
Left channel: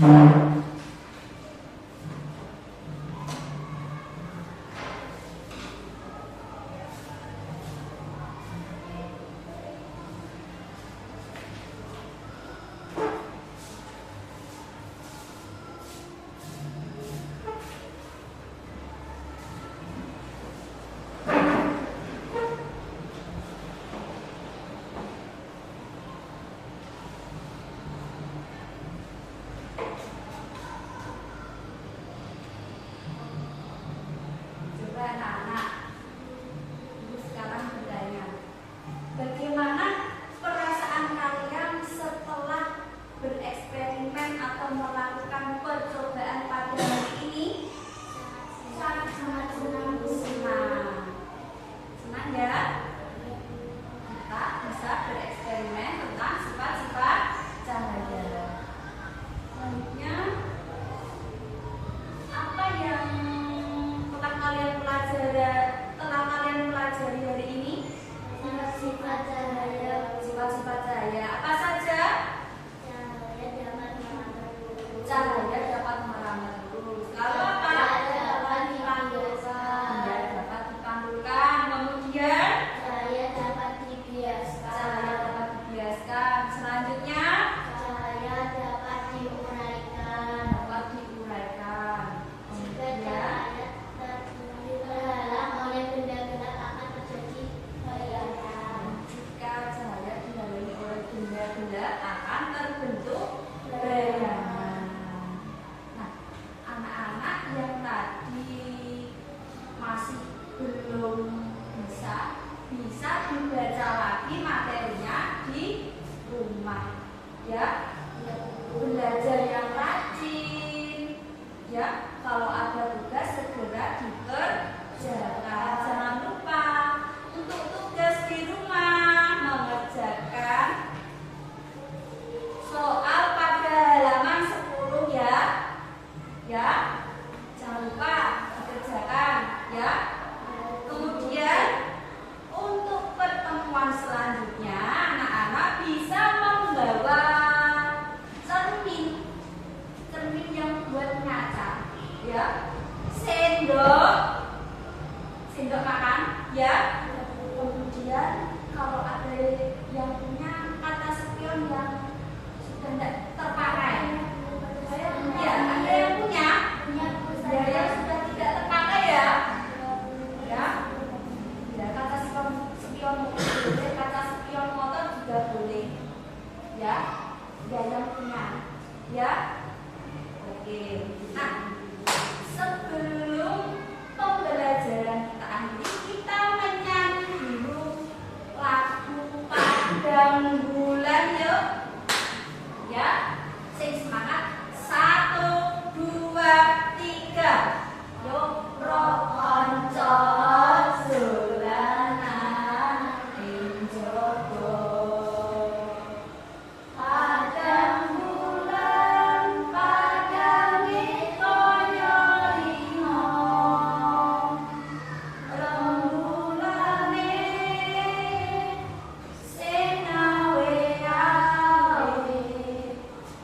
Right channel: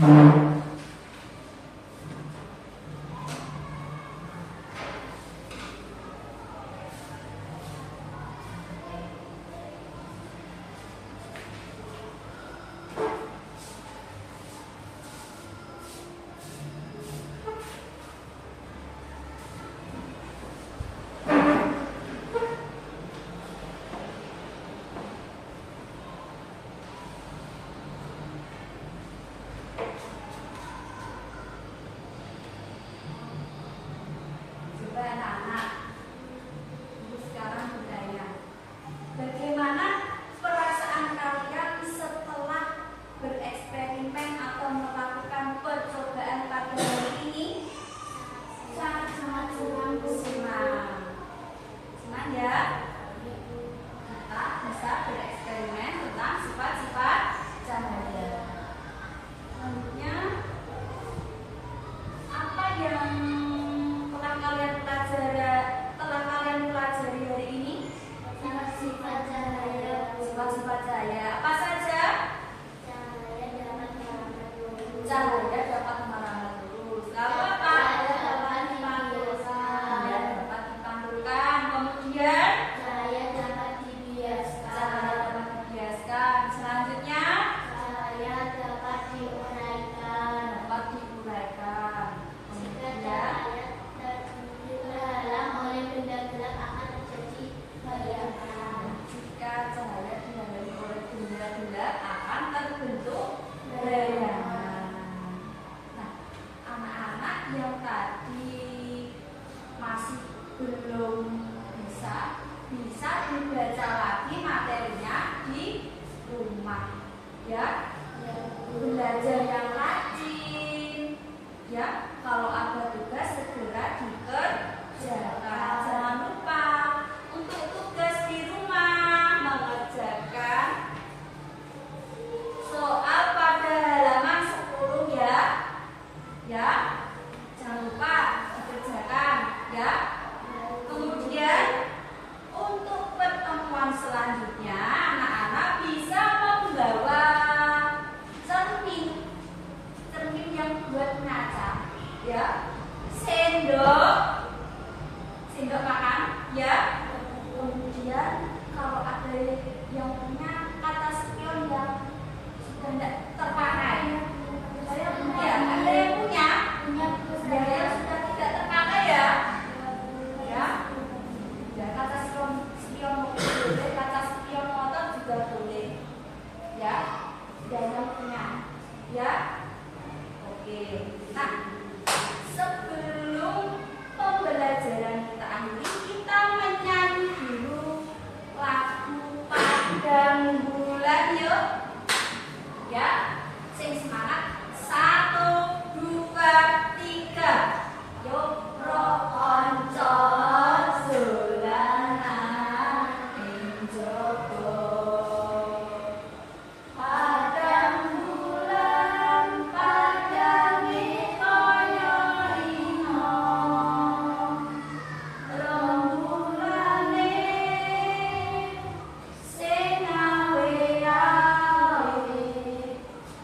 Coba anak-anak, Ibu sekarang bertanya, bagaimana perasaan kalian setelah bereksperimen atau melakukan percobaan pada hari ini? Sangat senang. Senang ya? Kita bisa bereksperimen tentang sifat-sifat cahaya. Selanjutnya, apa yang telah kalian pelajari hari ini? Sifat-sifat cahaya. Sifat-sifat cahaya. Apa saja? Cahaya dapat merambat Cahaya dapat merambat lurus. Kalau apa? Cahaya dapat dipantulkan. Cahaya dapat dipantulkan. Kemudian Cahaya dapat dibiaskan. cahaya dapat dibiaskan. Selanjutnya Cahaya dapat diuraikan. dapat diuraikan. Jika Kemudian cahaya terhalang oleh benda gelap akan terjadi bayangan. jika cahaya dihalangi oleh benda-benda akan terbentuk bayangan. Nah, anak-anak yang tadi masih belum bisa dibaca lagi materinya di rumah, ya. Belajar yang rajin, ya. Kalau ada tugas segera dikerjakan. Jangan lupa untuk tugas di rumah mengerjakan soal pada halaman 10 ya. Ya. Jangan lupa dikerjakan ya. Kemudian untuk pertemuan selanjutnya anak-anak bisa membawa cermin yang buat ngaca, ya, sendok makan, ya. Kemudian kalau ada yang punya kata spion yang sudah tidak terpakai, ya, ada yang punya yang sudah tidak terpakai ya, ya, kata spion boleh, kata spion motor juga boleh, ya, dan yang punya, ya. Oke, nah sebelum pembelajaran kita akhiri, kita menyanyi dulu lagu Padang Bulan yuk, ya. Sing semangat, 1, 2, 3, yuk roh onco dolanan ing jaba. Padang bulan padange kaya lino, rembulane sing awe-awe,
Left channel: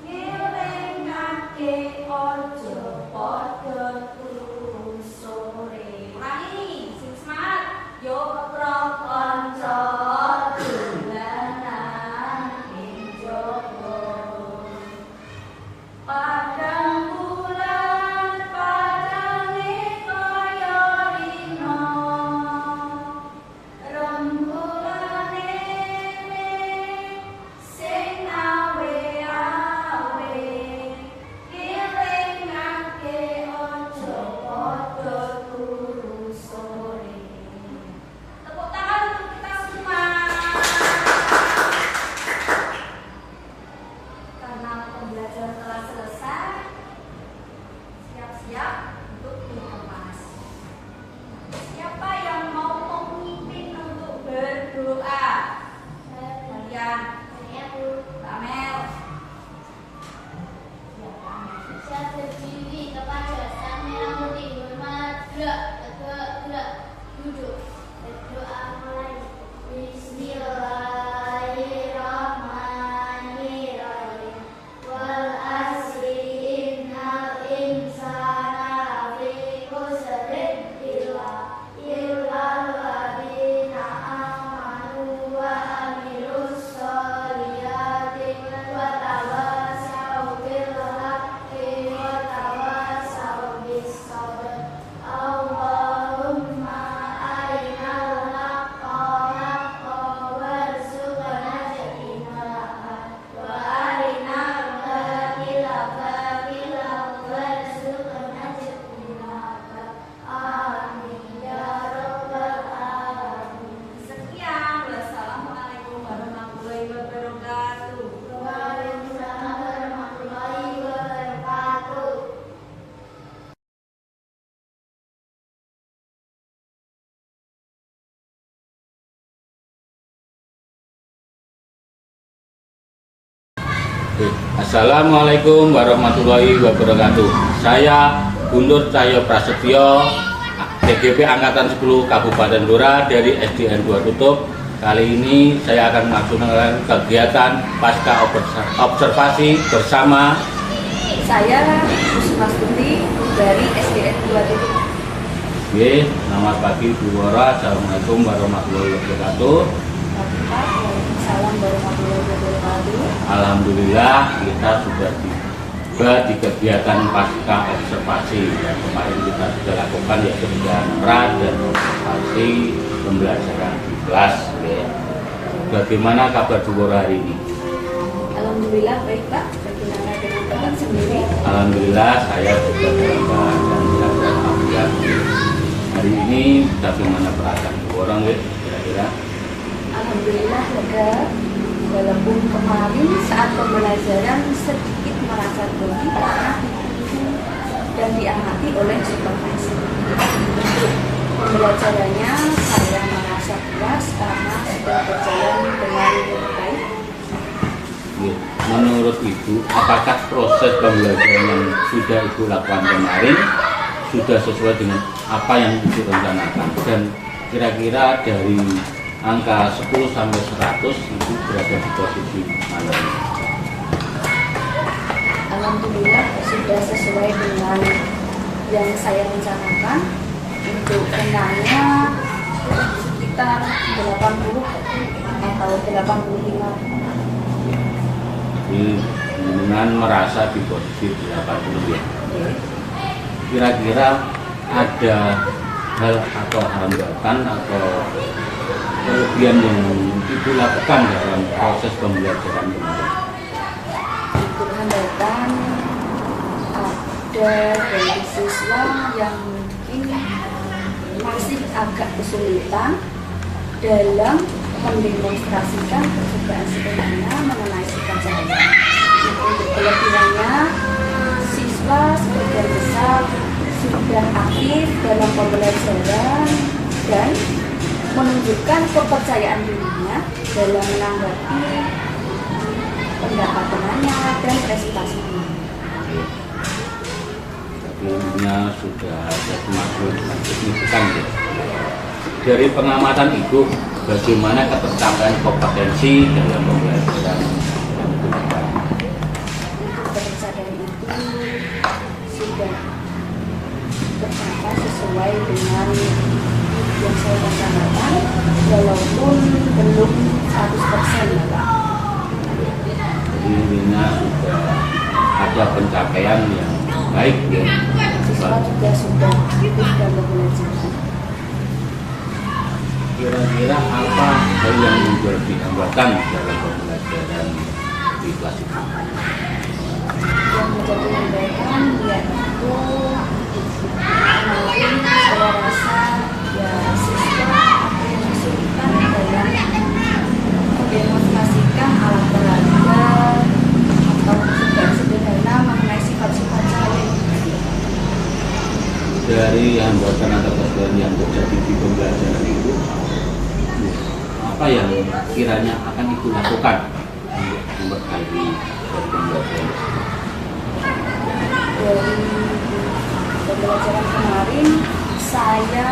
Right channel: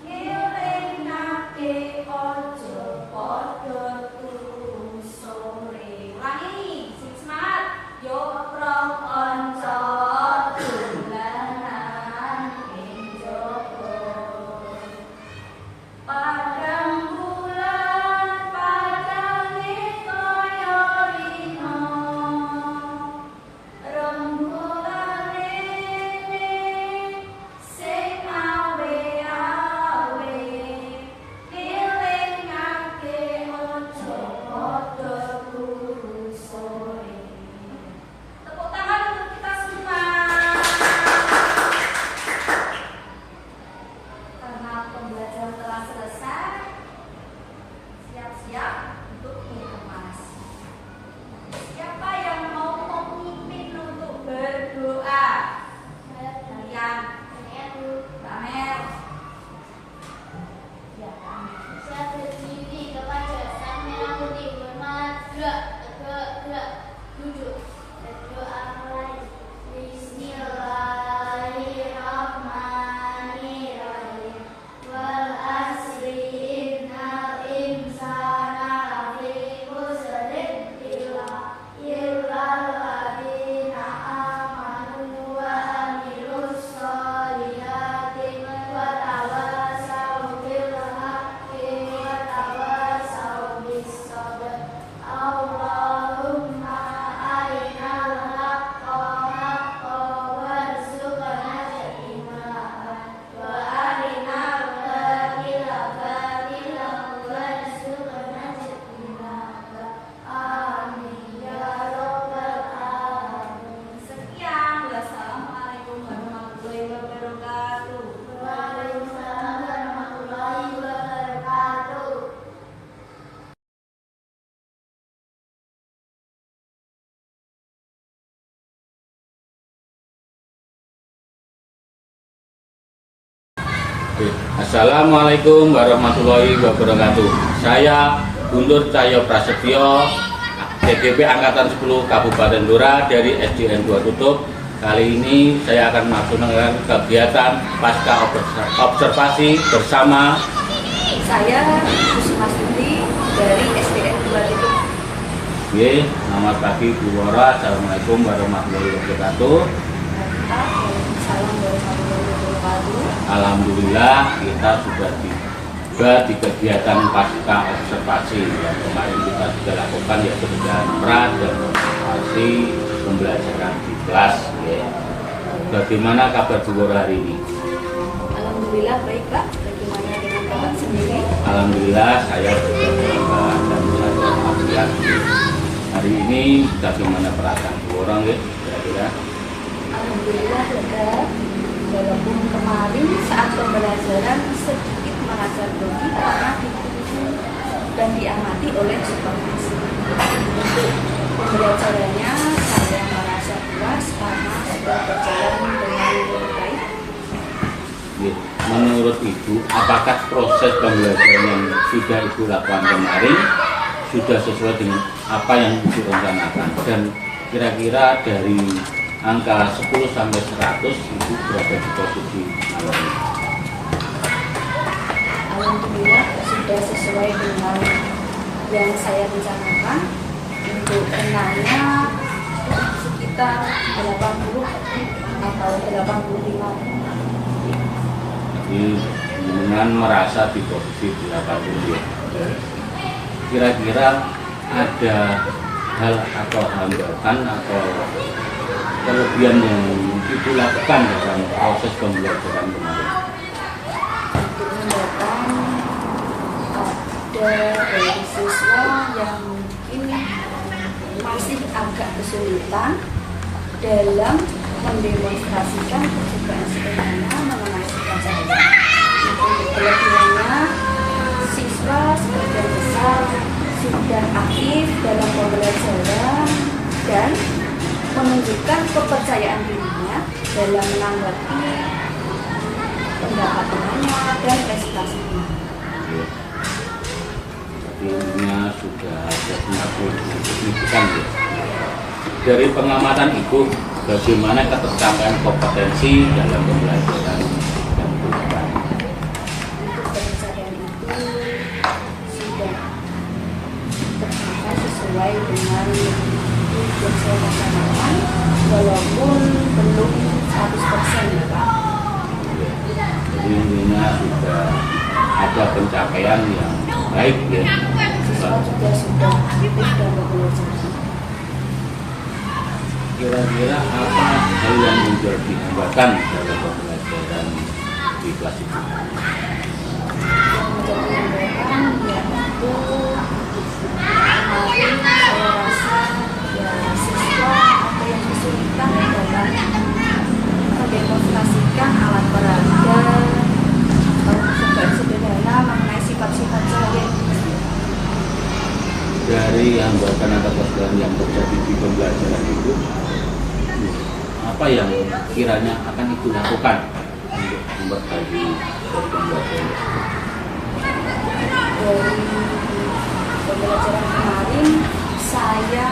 ngelingake ojo padha turu sore. Ulangi, sing semangat, yo roh onco dolanan ing jaba. Padang bulan padange kaya lino, rembulane sing awe-awe, ngelingake ojo padha turu sore. Tepuk tangan untuk kita semua. Karena pembelajaran telah selesai, siap-siap untuk berkemas. Siapa yang mau memimpin untuk berdoa? Kalian, Mbak Amel. Ya, Mbak Amel. Saya berdiri kepada sang merah putih, hormat, gerak, tegak, gerak, duduk, berdoa mulai. Bismillahirrahmanirrahim. Wal asri Assalamualaikum warahmatullahi wabarakatuh. Saya Guntur Cahyo Prasetyo, DGP Angkatan 10 Kabupaten Blora dari SDN 2 Tutup. Kali ini saya akan melakukan kegiatan pasca observasi bersama Saya Kusmastuti dari SDN 2 Tutup. Selamat pagi Bu Blora. Assalamualaikum warahmatullahi wabarakatuh. Waalaikumsalam warahmatullahi wabarakatuh. Alhamdulillah kita sudah tiba di kegiatan pasca observasi. Kemarin kita sudah lakukan ya kerjaan pra dan observasi pembelajaran di kelas. Bagaimana kabar Bu Blora hari ini? Alhamdulillah baik Pak. Bagaimana dengan Bapak sendiri? Alhamdulillah saya sudah dalam keadaan belajar afiat. Hari ini bagaimana perasaan Bu Blora kira-kira? Alhamdulillah lega. Walaupun kemarin saat pembelajaran sedikit merasa grogi karena ditunggu dan diamati oleh supervisi. Untuk pembelajarannya saya merasa puas karena sudah berjalan dengan baik. Menurut Ibu, apakah proses pembelajaran yang sudah Ibu lakukan kemarin sudah sesuai dengan apa yang Ibu rencanakan? Dan kira-kira dari angka 10 sampai 100 Ibu berada di posisi mana? Alhamdulillah sudah sesuai dengan yang saya rencanakan. Untuk kenanya sekitar 80 atau 85. Jadi dengan merasa di posisi 80 ya. Kira-kira ada hal atau hambatan atau kelebihan yang Ibu lakukan dalam proses pembelajaran kemarin? Untuk hambatan ada dari siswa yang mungkin masih agak kesulitan dalam mendemonstrasikan percobaan sederhana mengenai sifat cahaya. Untuk kelebihannya, siswa sebagian besar sudah aktif dalam pembelajaran dan menunjukkan kepercayaan dirinya dalam menanggapi pendapat temannya dan presentasi temannya. Jadinya sudah ada kemajuan yang signifikan ya. Dari pengamatan Ibu, bagaimana ketercapaian kompetensi dalam pembelajaran yang Ibu lakukan? Untuk ketercapaian itu sudah tercapai sesuai dengan yang saya rencanakan, walaupun belum 100% ya Pak. Jadi intinya sudah ada pencapaian yang baik ya. Siswa juga sudah aktif dalam pembelajaran. Kira-kira apa hal yang menjadi hambatan dalam pembelajaran di kelas itu? Yang menjadi hambatan yaitu kemarin saya rasa ya siswa apa yang kesulitan dalam mendemonstrasikan alat peraga atau sebagai sederhana mengenai sifat-sifat cahaya. Dari hambatan atau kesalahan yang terjadi di pembelajaran itu, apa yang kiranya akan Ibu lakukan untuk memperbaiki dari pembelajaran? Dari pembelajaran kemarin saya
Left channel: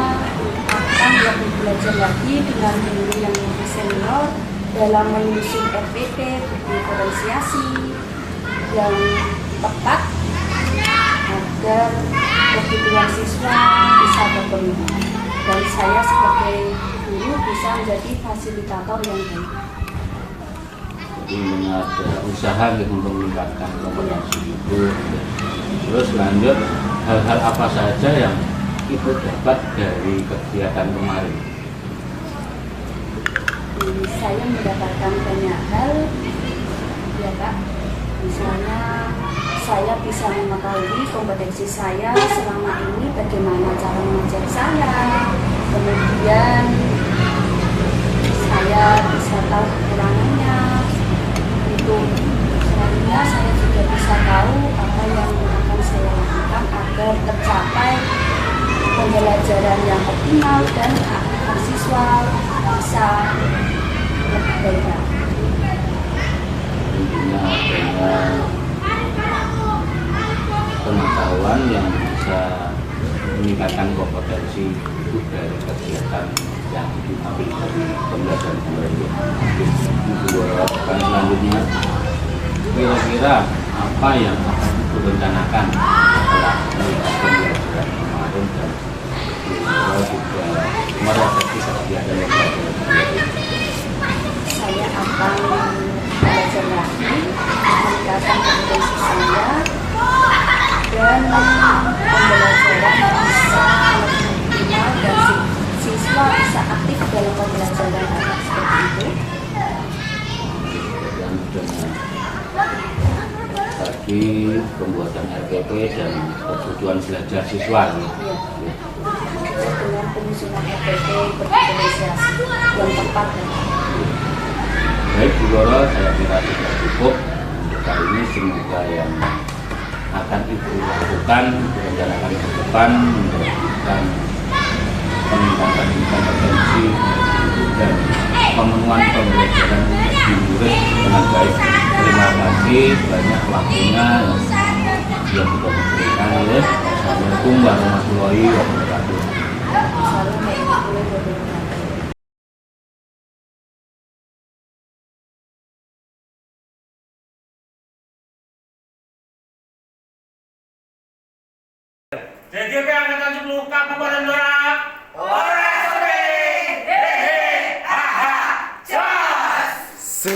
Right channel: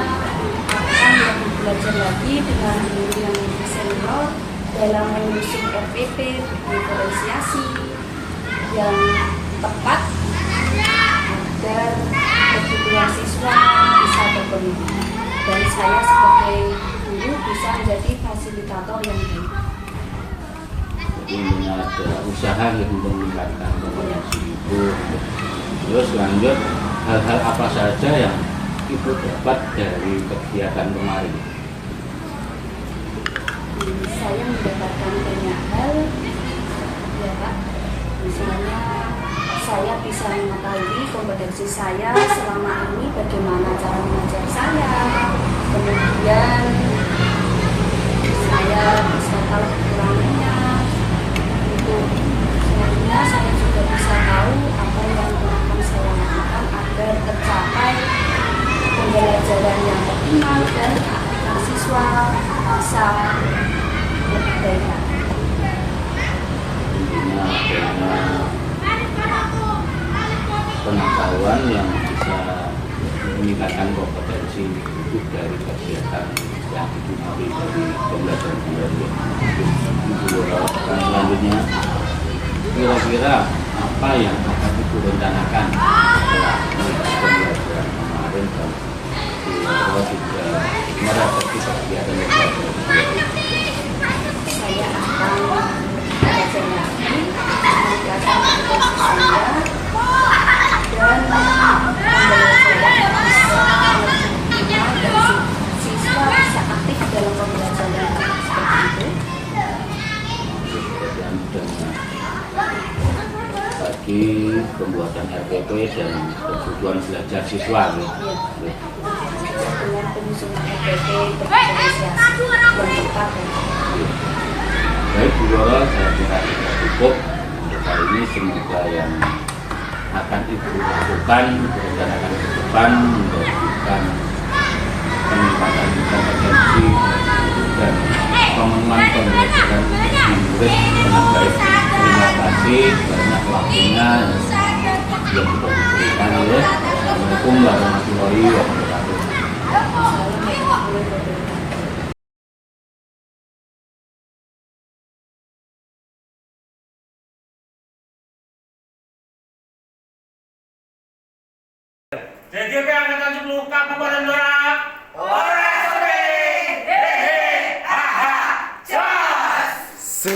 akan lebih belajar lagi dengan guru yang lebih senior dalam menyusun RPP diferensiasi yang tepat agar kebutuhan siswa bisa terpenuhi dan saya sebagai guru bisa menjadi fasilitator yang baik. Jadi ada usaha untuk meningkatkan kompetensi Ibu. Terus lanjut, hal-hal apa saja yang Ibu dapat dari kegiatan kemarin? Saya mendapatkan banyak hal ya Kak. Misalnya saya bisa mengetahui kompetensi saya selama ini, bagaimana cara mengajar saya. Kemudian saya bisa tahu kekurangannya. Untuk selanjutnya saya juga bisa tahu apa yang akan saya lakukan agar tercapai pembelajaran yang optimal dan agar siswa bisa lebih baik lagi. tentunya adanya pengetahuan yang bisa meningkatkan kompetensi untuk dari kegiatan yang diambil dari pembelajaran kembali. Ibu dan selanjutnya, kira-kira apa yang akan Ibu rencanakan setelah melihat pembelajaran kemarin dan Ibu juga merefleksi kegiatan yang tadi? Saya akan belajar lagi, meningkatkan kompetensi saya, dan pembelajaran bisa lebih optimal dan siswa bisa aktif dalam pembelajaran seperti itu. Tadi pembuatan RPP dan kebutuhan belajar siswa. Ya. Dengan penyusunan RPP berdifferensiasi yang tepat. Baik Bu Guru, saya kira sudah cukup untuk kali ini. Semoga yang akan Ibu lakukan rencanakan ke depan menjadikan peningkatan kompetensi dan pemenuhan pembelajaran untuk murid dengan baik. Terima kasih banyak waktunya yang sudah diberikan. Assalamualaikum warahmatullahi wabarakatuh. Salam warahmatullahi wabarakatuh. JGP Angkatan 10 Kabupaten Blora. Ores, hehe, haha, jos.